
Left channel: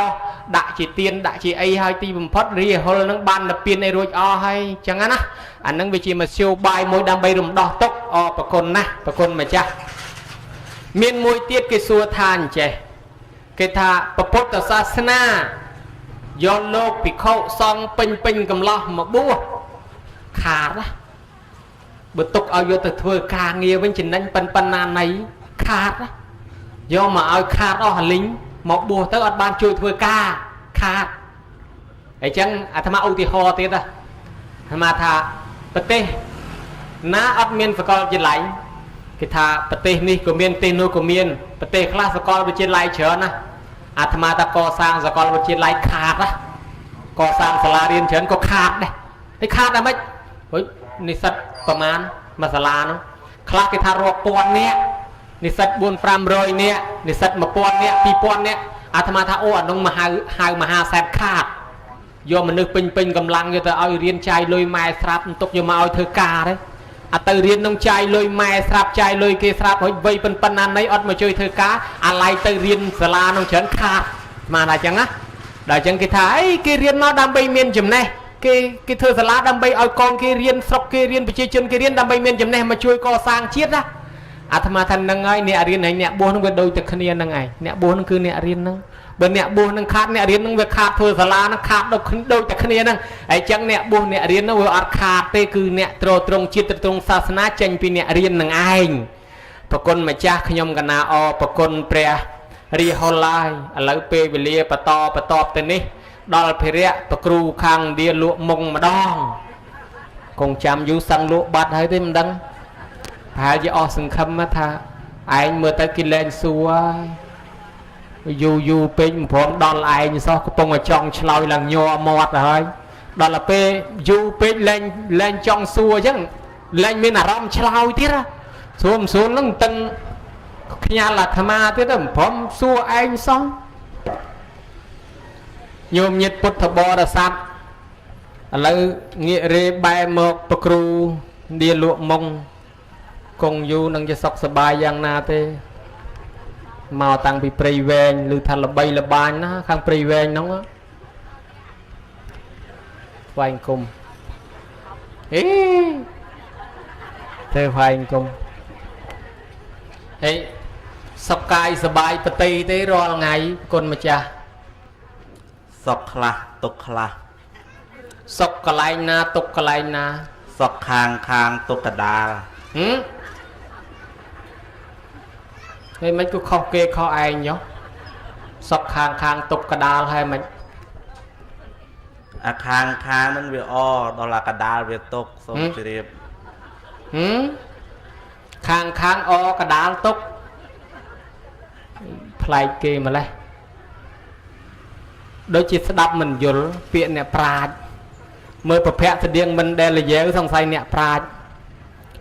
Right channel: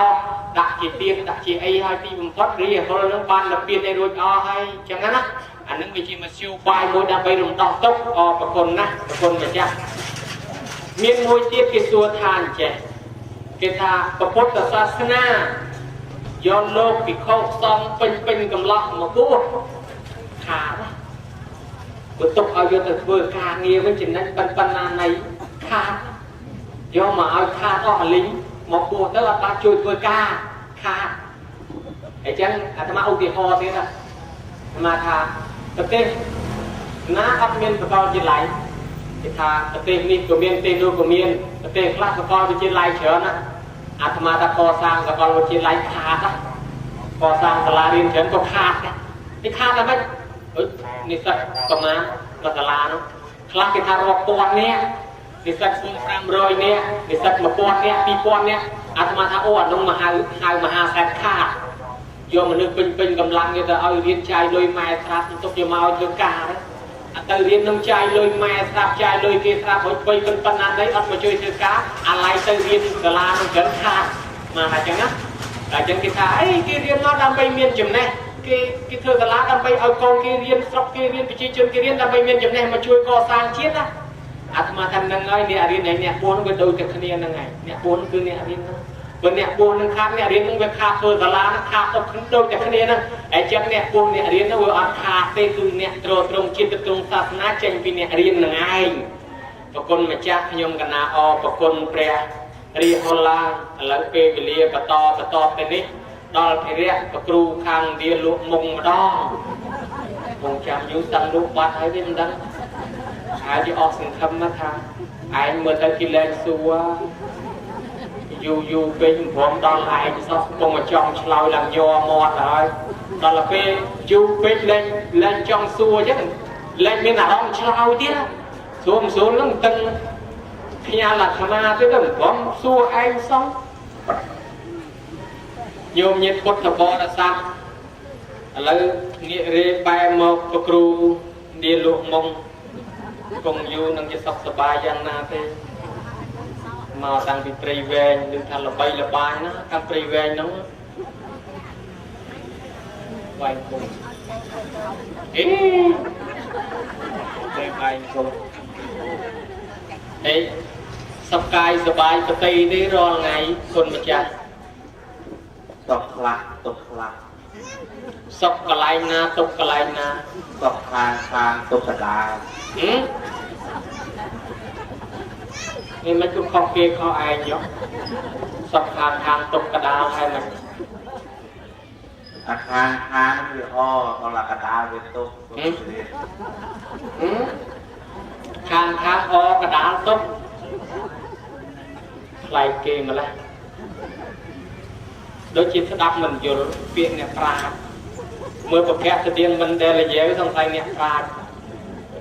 ដាក់ជាទៀនដាក់ជាអីហើយទីបំផុតរីហុលនឹងបានលពៀនឲ្យរួចអស់ហើយអញ្ចឹងណាអានឹងវាជាមធ្យោបាយមួយដើម្បីរំដោះទុក្ខប្រគុណណាស់ប្រគុណម្ចាស់មានមួយទៀតគេសួរថាអញ្ចេះគេថាពុទ្ធសាសនាយកលោកភិក្ខុសង្ឃពេញកំឡោះមកបួសខាតណាបើទុកឲ្យយកទៅធ្វើការងារវិញចំណេញប៉ុណ្ណាណៃខាតណាយកមកឲ្យខាតអស់លីងមកបួសទៅអត់បានជួយធ្វើការខាតអញ្ចឹងអាត្មាឧទាហរណ៍ទៀតណាអាត្មាថាប្រទេសណាអត់មានសាកលវិទ្យាល័យគេថាប្រទេសនេះក៏មានប្រទេសនោះក៏មានប្រទេសខ្លះសាកលវិទ្យាល័យច្រើនណាអាត្មាថាកសាងសាកលវិទ្យាល័យខាតណាកសាងសាលារៀនច្រើនក៏ខាតដែរនេះខាតតែម៉េចហុយនិស្សិតប្រមាណមួយសាលានោះខ្លះគេថារាប់ពាន់នាក់និស្សិត4-500នាក់និស្សិត1000នាក់2000នាក់អាត្មាថាអូអានោះមហាសេដ្ឋខាតយកមនុស្សពេញកម្លាំងយកទៅឲ្យរៀនចាយលុយម៉ែស្រាប់បន្ទុកយកមកឲ្យធ្វើការទេអាទៅរៀននឹងចាយលុយម៉ែស្រាប់ចាយលុយគេស្រាប់ហើយវ័យប៉ុណ្ណាណីអត់មកជួយធ្វើការអាឡ័យទៅរៀនសាលានឹងច្រើនខាតមកតែអញ្ចឹងណាដល់អញ្ចឹងគេថាអីគេរៀនមកដើម្បីមានចំណេះគេធ្វើសាលាដើម្បីឲ្យកូនគេរៀនស្រុកគេរៀនប្រជាជនគេរៀនដើម្បីមានចំណេះមកជួយកសាងជាតិណាអាត្មាថាហ្នឹងហើយអ្នករៀនហើយអ្នកបួសនឹងវាដូចតែគ្នាហ្នឹងហើយអ្នកបួសនឹងគឺអ្នករៀនហ្នឹងបើអ្នកបួសនឹងខាតអ្នករៀននឹងវាខាតធ្វើសាលានឹងខាតដូចតែគ្នាហ្នឹងហើយអញ្ចឹងអ្នកបួសអ្នករៀននឹងវាអត់ខាតទេគឺអ្នកទ្រទ្រង់ជាតិទ្រង់សាសនាចេញពីអ្នករៀននឹងឯងប្រគុណម្ចាស់ខ្ញុំកណាប្រគុណព្រះរីហុលឡាយឥឡូវពេលវេលាបន្តទៅនេះដល់ភិរៈប្រគ្រូខាងឥណ្ឌាលក់មុងម្ដងគង់ចាំយូរសិនលក់បាត់ហើយទេមិនដឹងហើយជាអស់សង្ឃឹមថាឯងមើលទៅគេលែងសួរយូរពេញព្រមដល់ឯងសោះកំពុងតែចង់ឆ្លោយឡើងញ័រមាត់ហើយដល់ទៅពេលយូរពេកលែងចង់សួរអញ្ចឹងលែងមានអារម្មណ៍ឆ្លោយទៀតសួរនឹងតឹងខ្ញាល់អាត្មាទៀតទៅព្រមសួរឯងសោះញោមញាតិពុទ្ធបរិស័ទឥឡូវងាករេបែមកប្រគ្រូឌៀលក់មុងគង់យូរនឹងជាសុខសប្បាយយ៉ាងណាទេមកតាំងពីព្រៃវែងឬថាល្បីល្បាញណាខាងព្រៃវែងហ្នឹងវែងគុំអេទៅវែងគុំអេសុខកាយសប្បាយប្រតិទេរាល់ថ្ងៃគុណម្ចាស់សុខខ្លះទុក្ខខ្លះសុខកន្លែងណាទុក្ខកន្លែងណាសុខខាងទុក្ខកដាល nên mấy cứ kho kê kho ai nhó sọt khang khang tục cả đào hay mày khang khang nó việc o đó là cả đào việc tục xong rồi đẹp khang khang o cả đào tục play kê mà đây đôi chỉ đắp mình vô viện nè pride mơ bậc phép thì điên mình đây là dễ với thằng say nè pride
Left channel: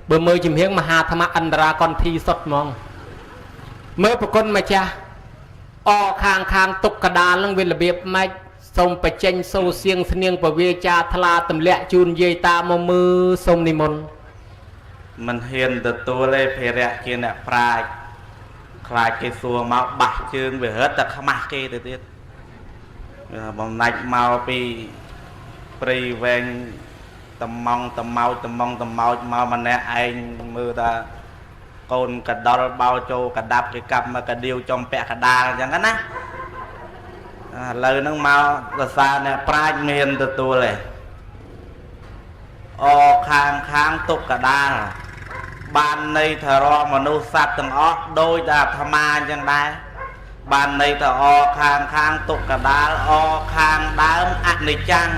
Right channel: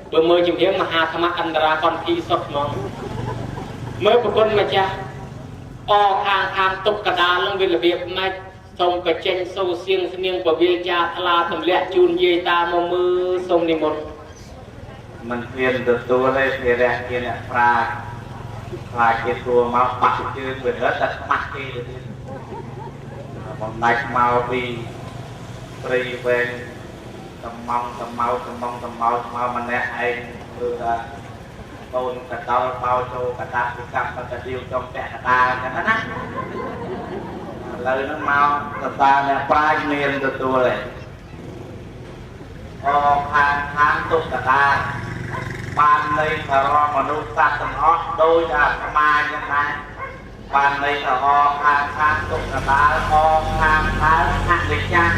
bữa mơ chìm hiếng mà hà tham ăn ra con thi sọt mong mơ bậc con mà cha o khang khang tục cả đào lông vì là việc mai xong phải tranh sâu xiêng sinh niên của vi cha thla tầm lẹ chun dây ta mơ mơ sông ni môn mình hiền từ tua đây thì đẹp kia nè pride khai cái xua máu bạc chương về hết là không mắc kia được đi bọn này mau bị pri ven tầm mau mà nè anh mưa ta con cả đau bao châu cả đạp cái cặp mà cả điều trong bẹ cả đà chẳng hết á lời nó mau là xa nè pride miền từ tua này o khang khang tục cả đà ban này thờ ro mà nô sạch từng ót đôi đạp tham ai chẳng này ban này thờ o khang khang tục cả đá o khang đá ăn này chăng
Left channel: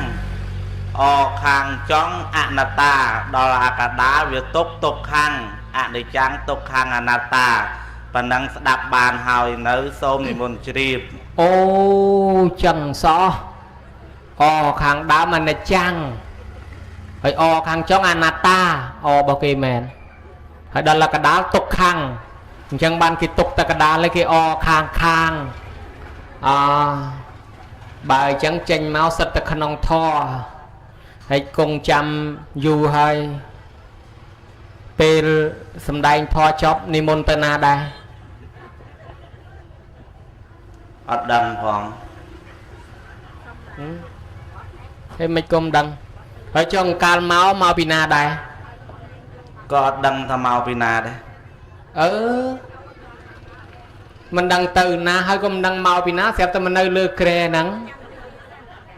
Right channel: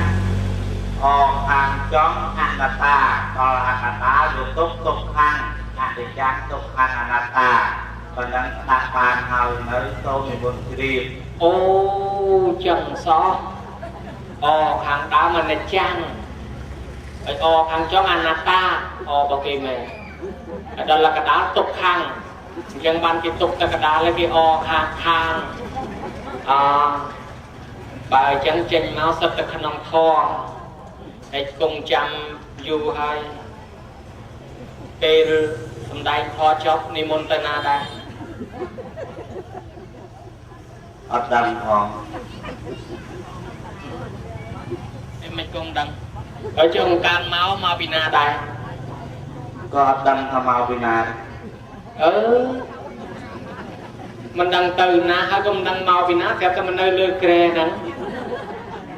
o khang chóng ăn nà ta đó là cả đá việc tục khang ăn này chăng tục khang ăn nà ta và nắng đạp bàn hào nấu xôm thì vườn chìm ô chẳng rõ o khang đá mà này chăng phải o khang chóng ăn nà ta o bao kỳ mẹ đó là cái đá tục khang chẳng ban cái tục ta cái đá lấy cái o khang khang bài chẳng tranh máu sắp ta khăn ông thò hay cùng chăm dù hay pê xâm đáy thò chóp ni môn tên na đây ở đằng còn thế mấy công đăng ở trong can máu mà bị na đây có đăng tham màu vì nà đây mình đăng từ na hay không đăng màu vì ná sẽ ta mình nơi lừa kề nắng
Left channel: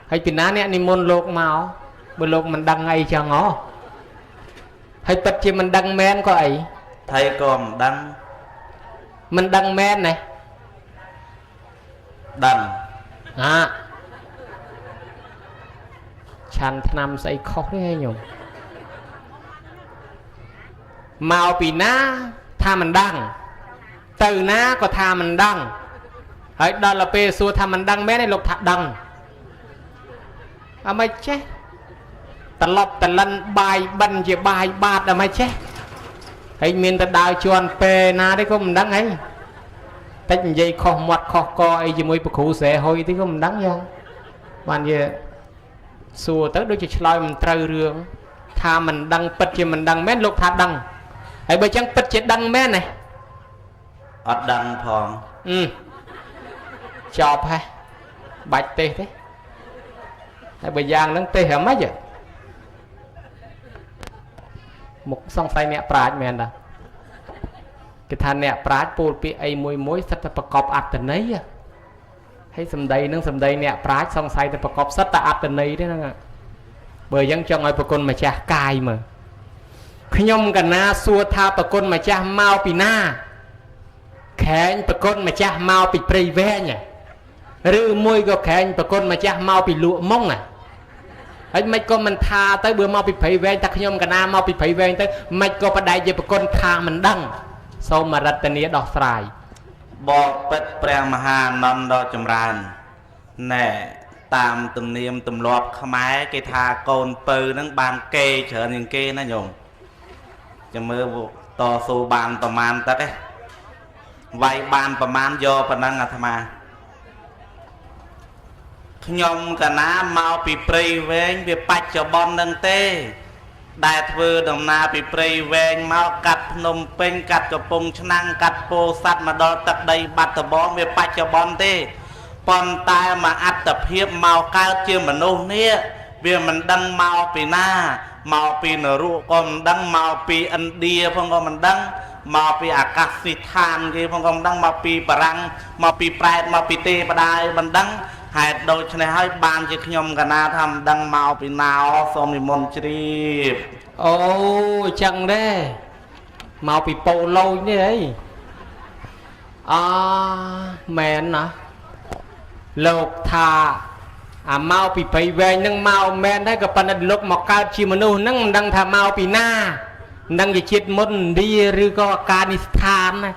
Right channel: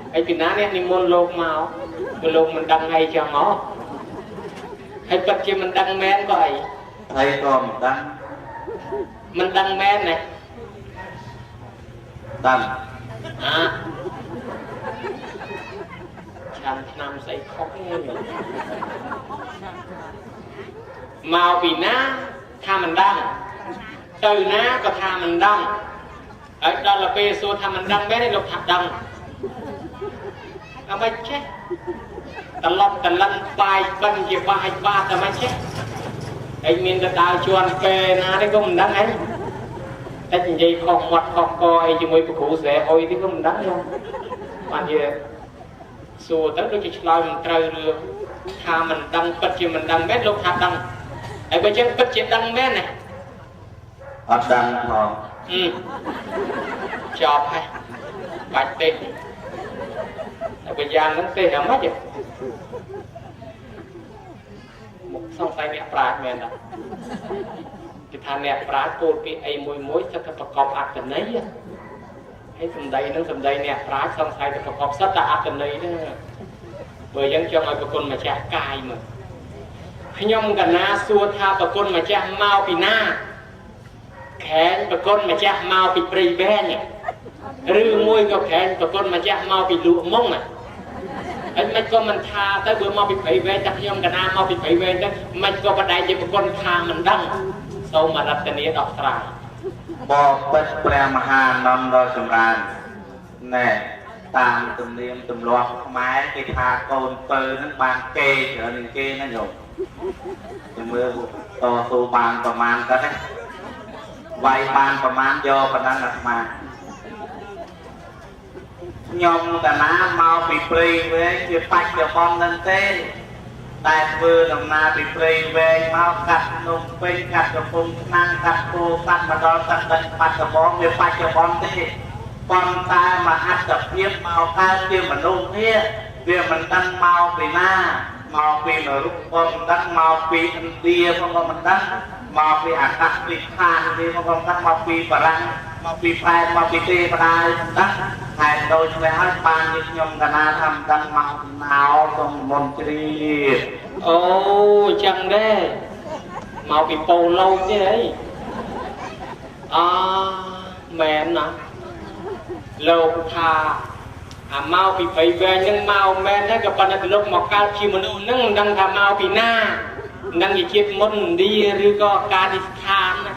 hay vì ná nè ni môn lột màu bữa lột mình đăng ngay cho ngó hay tất chi mình đăng men có ấy thầy còn đăng mình đăng men này đăng chăn năm say khó thế nhỉ màu vì ná tha mình đăng từ ná có tha mình đăng ấy đó là pê xua tha mình đăng bé này lục thạc đăng mày chết ta lọc ta lăn bài bần về bài bạt mày chết ấy miền ta đào chuan pê na đấy không đăng ấy tách gì khó mặt khó coi chỉ mới bực khủ sẽ hồi thì không đăng không mà gì xua tới đôi chỉ lo mình trừ rương tha mình đăng bật chỉ mình đăng bé lục thạc đăng ấy bây chắc bật chỉ đăng bé này ở đằng còn chọp hay bạch tê đấy bây giờ nó tê hả mấy vậy một song tay nè pride mẹ nè cái thằng nè pride bột bị ai mùi mối sắp tập cọp ạc từ nấy hay sầm đây nó sầm đây nè pride song tay tập cọp sắp ta ạc từ nấy đó bởi dân trong ai con mà cha cài mà khi nhom cả na xua tha con mà cha mau pì na khẽ tụi con mà cha mau bị prey ve nhỉ, rư môi có khẽ tụi con mà cha mau bị lụa mông này, anh mấy con mình tha tới bữa mau bị phẩy ve, ta nhom cả na mau bị phẩy ve tới, mấy con bắt đại gì tụi con tha mình đăng, sau mà đặt tên nghĩa đọc sài, bò bết pre maha năm đo chầm ran, nè tam tụm niêm tụm lọt không ai cái tha con pơ nó bàn kê trở nên kê nó nhổm, cho mưa to số bànประมาณ ta đấy. វាយបានប្រមាណយកប៉ុណ្ណឹងអាត្មាខ្ញុំកណាមកពីព្រៃវែងវាបច្ចុប្បន្ននឹងទេដែលធ្វើដំណើរពីព្រៃវែងមកកាត់ភ្នំពេញកាត់កំពង់ឆ្នាំងកាត់ពោធិ៍សាត់មកដល់ទឹកដីបាត់ដំបងវាបច្ចុប្បន្នទេប៉ុន្តែមកអត្តភាពមកកើតជាមនុស្សនេះវាមិនដឹងមកពីណាមកពីនរកក៏មិនដឹងមកពីឥណ្ឌាផងក៏មិនដឹង មកពីអាកាសធាតុគេមកកំដឹងមកពីបារាំងមកពីប្រែតមកពីទេបដាយមិនដឹងហេតុដូចនេះហើយបានជាខ្ញុំកណាថាមិនដឹងមកពីណាសូមនិមន្តជ្រាបអូចឹងដែរមកពីប៉ូឡូនេះអី មែនណាលោកថាអាមកពីព្រៃវែងនឹងមកមែនដែរក៏ប៉ុន្តែលោកមកកើតជាមនុស្សនឹងមិនដឹងថាមកពីណានឹងជាជាតិមុនឥណ្ឌាឬក៏អាកានីស្ថានណា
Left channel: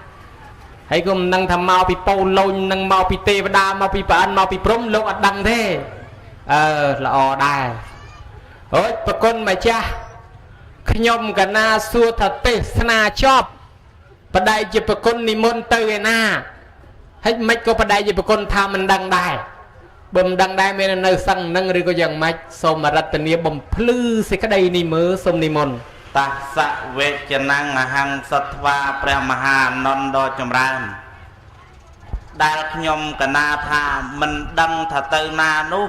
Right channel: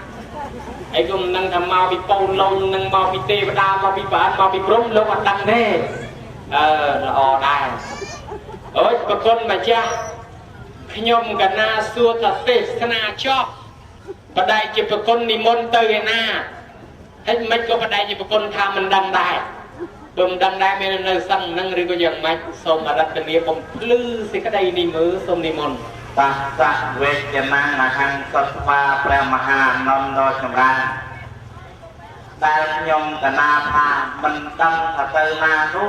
ហើយក៏មិនដឹងថាមកពីប៉ូឡូញនឹងមកពីទេវតាមកពីប្រអិនមកពីព្រំលោកអត់ដឹងទេល្អដែរអូយប្រគុណម្ចាស់ខ្ញុំកណាសួរថាទេសនាចប់បដិជាប្រគុណនិមន្តទៅឯណាហើយមិនក៏បដិជាប្រគុណថាមិនដឹងដែរបើមិនដឹងដែរមាននៅសឹងនឹងឬក៏យ៉ាងម៉េចសូមរតនាបំភ្លឺសេចក្តីនេះមើលសូមនិមន្តតាសៈវេជ្ជនំអហង្សត្វាព្រះមហាអានន្ទដ៏ចម្រើនដែលខ្ញុំកណាថាមិនដឹងថាទៅណានោះ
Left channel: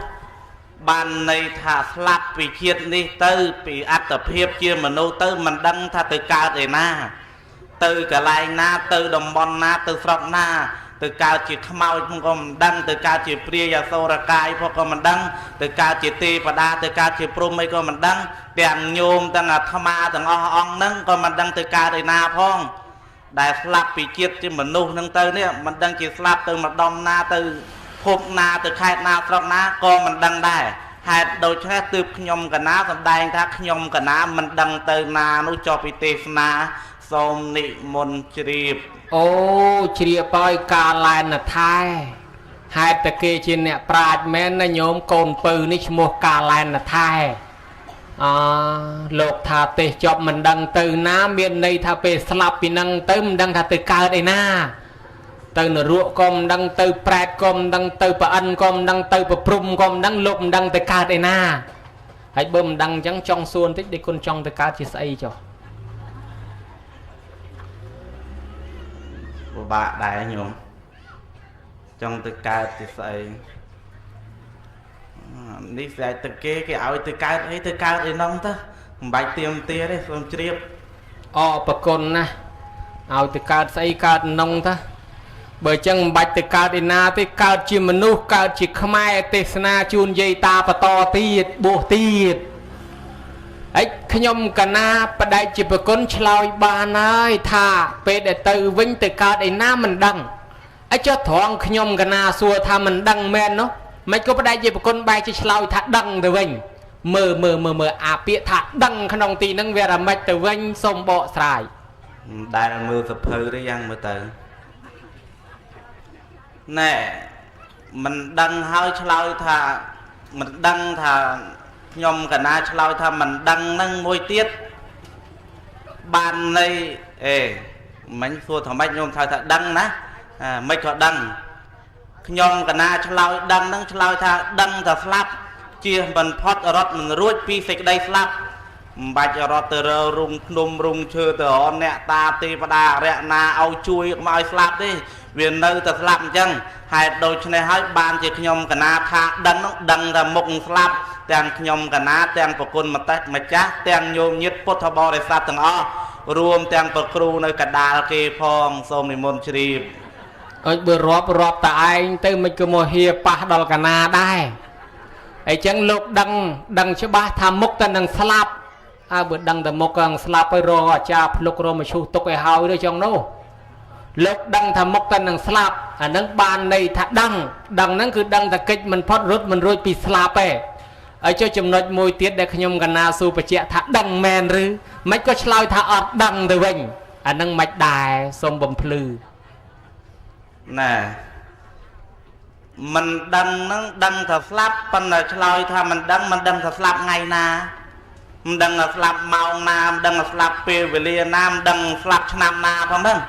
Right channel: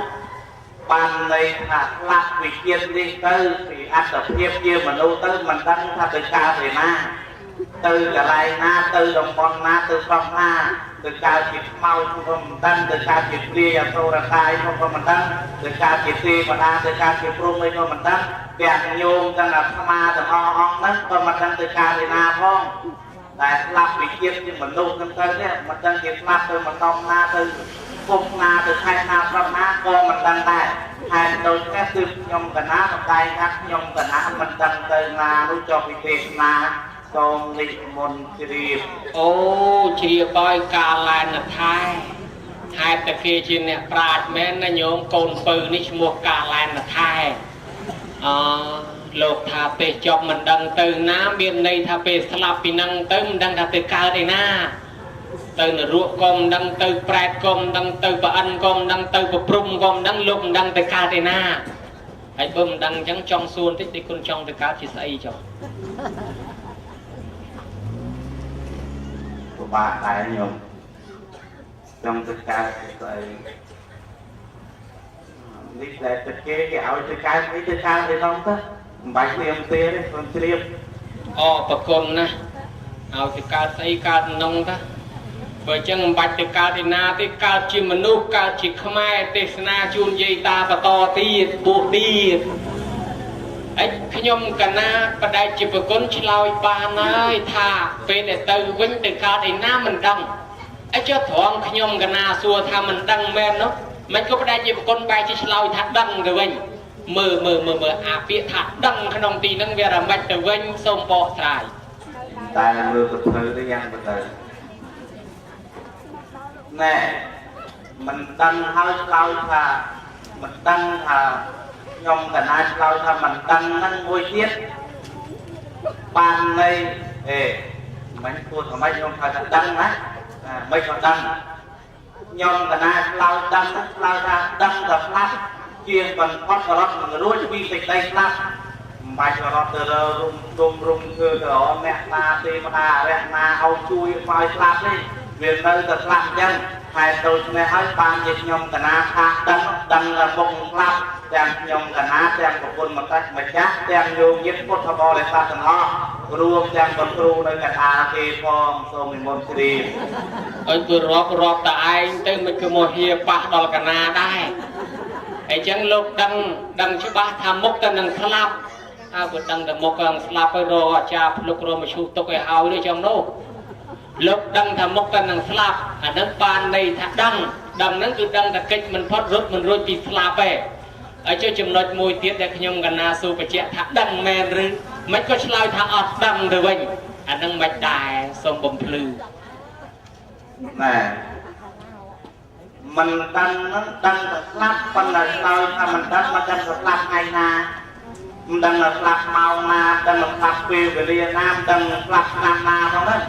បានន័យថាស្លាប់ពីជាតិនេះទៅពីអត្តភាពជាមនុស្សទៅមិនដឹងថាទៅកើតឯណាទៅកន្លែងណាទៅតំបន់ណាទៅស្រុកណាទៅកើតជាខ្មោចក៏មិនដឹងទៅកើតជាព្រាយអសូរកាយក៏មិនដឹងទៅកើតជាទេវតាទៅកើតជាព្រំអីក៏មិនដឹងទាំងញោមទាំងអាត្មាទាំងអស់អង្គហ្នឹងក៏មិនដឹងទៅកើតឯណាផងដែលស្លាប់ពីជាតិជាមនុស្សហ្នឹងទៅនេះមិនដឹងជាស្លាប់ទៅម្ដុំណាទៅភពណាទៅខេត្តណាស្រុកណាក៏មិនដឹងដែរហេតុដូច្នេះគឺខ្ញុំកណាសម្ដែងថាខ្ញុំកណាមិនដឹងទៅណានោះចុះពីទេសនាសូមនិមន្តជ្រាបអូជ្រាបឲ្យកាលែនថែហេតុតែគេជាអ្នកប្រាជ្ញមែនណាញោមកូនពៅនេះឈ្មោះកាលែនថែលោកថាទេសចប់មិនដឹងទៅណាមានន័យថាពេលស្លាប់ពីនឹងទៅមិនដឹងថាទៅកើតឯណាទៅនរកក៏មិនដឹងទៅប្រែតក៏មិនដឹងទៅប្រអិនក៏មិនដឹងទៅប្រព្រំក៏មិនដឹងលោកមិនដឹងទៅកើតឯណាហើយបើមិនដឹងអញ្ចឹងចង់សួរបន្តិចដូចគុណចង់ទៅកើតជាស្អីចុះពិបាកដែរញោមចង់ទៅកើតជាស្អីនេះតែទៅគេឲ្យទៅកើតអីទៅកើតឯនោះទៅមិនបាច់ទៀងទេសូមជ្រាបប្រគុណណាឲ្យទៅកើតស្អីកើតក្នុងទៅបើអញ្ចឹងមិនបាច់ទៅកើតឯណាទេកើតជាមនុស្សកើតជាខ្មែរទេសនាជូនយាយតាបន្តទៀតបួសទៀតហើយខ្ញុំកណាបដិជាប្រគុណឆ្លើយបានហើយថាពេលដែលទៅវិញទៅកើតឯណាមិនដឹងអញ្ចឹងត្រង់ខ្ញុំកណាសួរថាមិនដឹងមែននោះមិនក៏បដិជាប្រគុណបែរជាឆ្លើយថាដឹងទៅវិញមើលអាពាក្យថាដឹងក្នុងទីហ្នឹងវារមិចទៅវិញសូមបកស្រាយមិនដែលមើលសភៅទេយ៉ាងមើលទៅណែមិនដឹងហើយឆ្លើយថាមិនដឹងថាខ្ញុំកណាឆ្លើយថាមិនដឹងហ្នឹងមួយទៀតបានន័យមិនគួរថាម៉េចខ្ញុំថាដឹងណាមិនក៏ដឹងខ្ញុំកណាឆ្លើយដឹងហ្នឹងឆ្លើយថាដឹងតែស្លាប់ជាមិនផុតរត់មិនរួចពីសេចក្តីស្លាប់មិនបាច់រត់ទៅរើរុំភ្នំរុំឈើទៅអមអ្នកតាទេវតារៈណាឲ្យជួយមកឲ្យស្លាប់ទេវានៅតែស្លាប់អញ្ចឹងហេតុដូច្នេះហើយបានជាខ្ញុំកណាថាដឹងតែមុខស្លាប់ទាំងខ្ញុំកណាទាំងប្រគុណម្ចាស់ទាំងញោមញាតិពុទ្ធបរិស័ទទាំងអស់រួមទាំងប្រគ្រូនៅកដាលគេផងសូមនិមន្តជ្រាបឲ្យបើរាប់តែឯងទៅមិនក៏មកហៀប៉ះដល់កណាដែរអញ្ចឹងលោកដឹងច្បាស់ថាមុខតែនឹងស្លាប់បើដឹងតែមុខនឹងស្លាប់ហើយរកអាចារ្យភ្លុករមកឈូសទុកឲ្យហើយឬចឹងនោះលោកដឹងថាមុខតែនឹងស្លាប់អានឹងបានន័យថាដឹងហ្នឹងគឺដឹងតែកិច្ចមិនផុតរត់មិនរួចពីស្លាប់ទេហើយចុះចំណុចមួយទៀតដែលខ្ញុំកណាសួរបញ្ជាក់ថាដឹងមែនឬមិនក៏ឆ្លើយថាអត់ដឹងទៅវិញអានឹងមិនដែរសូមបំភ្លឺណែមិនដឹងហ្នឹងដឹងថាស្លាប់ប៉ុន្តែឆ្លើយថាមិនដឹងថាស្លាប់ថ្ងៃណាមិនដឹងថាស្លាប់ម៉ោងណាមិនដឹងថាស្លាប់ពេលវេលាណាមិនដឹងស្លាប់ឆ្នាំណាផងហ្នឹង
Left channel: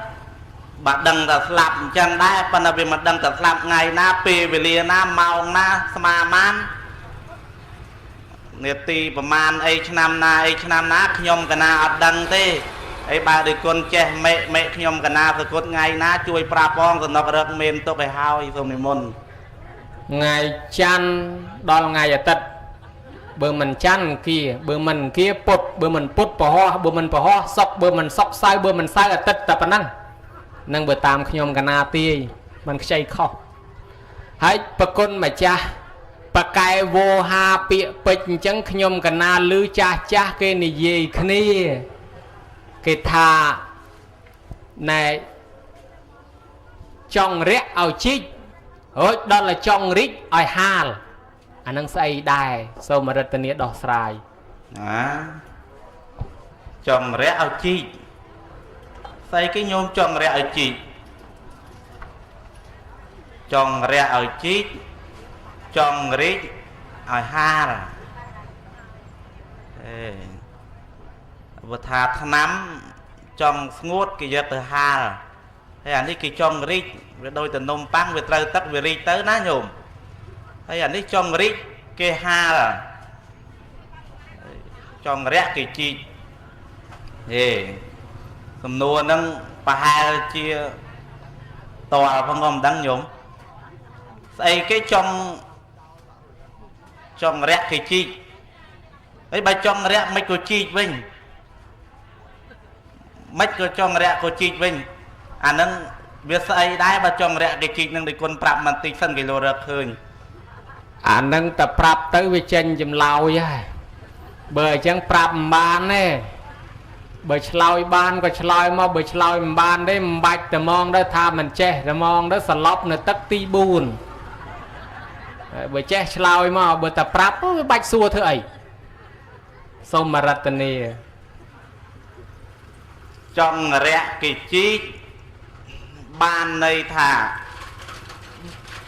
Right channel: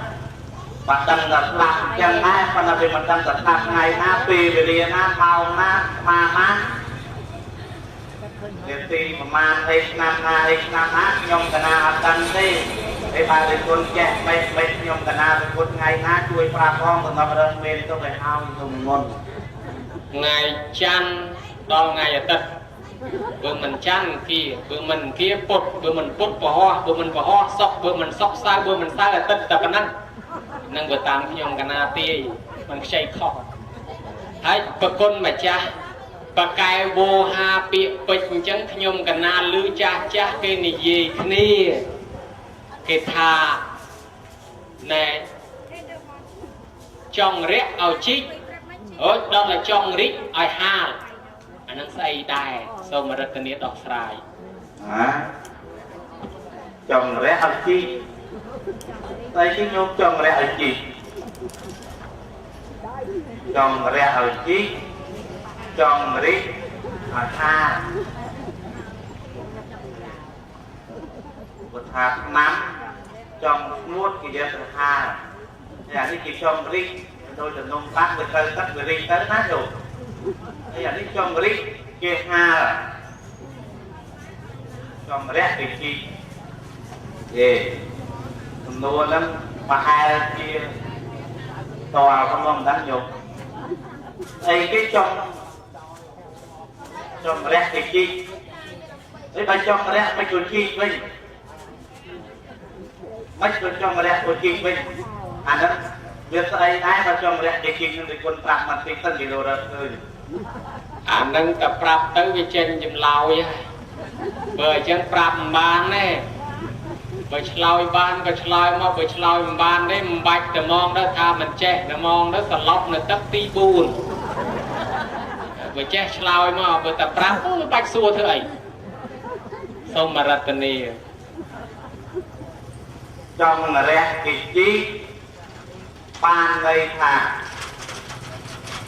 បើដឹងថាស្លាប់អញ្ចឹងដែរប៉ុន្តែវាមិនដឹងថាស្លាប់ថ្ងៃណាពេលវេលាណាម៉ោងណាស្មាបាននាទីប្រមាណអីឆ្នាំណាខ្ញុំកណាអត់ដឹងទេហើយបើដូចគុណចេះមេខ្ញុំកណាទៅគុណថ្ងៃណាជួយប្រាប់ផងសំណប់រត់មានទុកឲ្យហើយសូមនិមន្តថ្ងៃច័ន្ទដល់ថ្ងៃអាទិត្យបើមិនច័ន្ទគៀបើមិនគៀពុតបើមិនពុតពហោះបើមិនពហោះសុកបើមិនសុកសៅបើមិនសៅអាទិត្យតែប៉ុណ្ណឹងនឹងបើតាមខ្ញុំកណាទាយមិនខ្ចីខុសហើយប្រគុណម្ចាស់បកែវោហាពាកពេជ្រអញ្ចឹងខ្ញុំកណាលឺចាស់គេនិយាយគ្នាគេថាណែ trong rẽ ao chích rồi đó là trong rít ai hà anh đang xây đài sau mà rất nhiều đỏ sài trong rẽ ao chi xây cái nhôm trong rẽ ao chi trong rẽ ao chi trong rít ai hà và thà nắm trong ngốt cái giật từ hà hay là cái trong rít đôi từ nôm băng về tới tất về rít tới ná nhung hay là cái trong rít cái hà trong rẽ cái chi thì cầm nô nâng bà hai chia tòa không ông đánh nhung đây cái trong rẽ cái chi ấy bà trong rẽ mấy cô chi với mấy cô trong rẽ cô chi với anh nâng việc xây đáy mà trong rẽ để kịp nâng để quân prap mà tích sân cái đồ rợp hơn anh nâng tập prap tới với chân chùm lau vậy bởi chân prap bàn nè bởi chlau ban có chlau mà bởi chlau ban đấy bạch tờ mong đó tha mình che tờ mong đó sờ lóc nó tắt ti buồn bởi che chlau mà bởi tập prap bạch xua thứ ấy xong mà ra tên này trong rẽ cái chi ban đây thà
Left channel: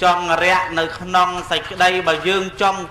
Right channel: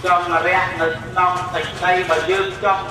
trong rẽ nơi non sạch đây mà dương trong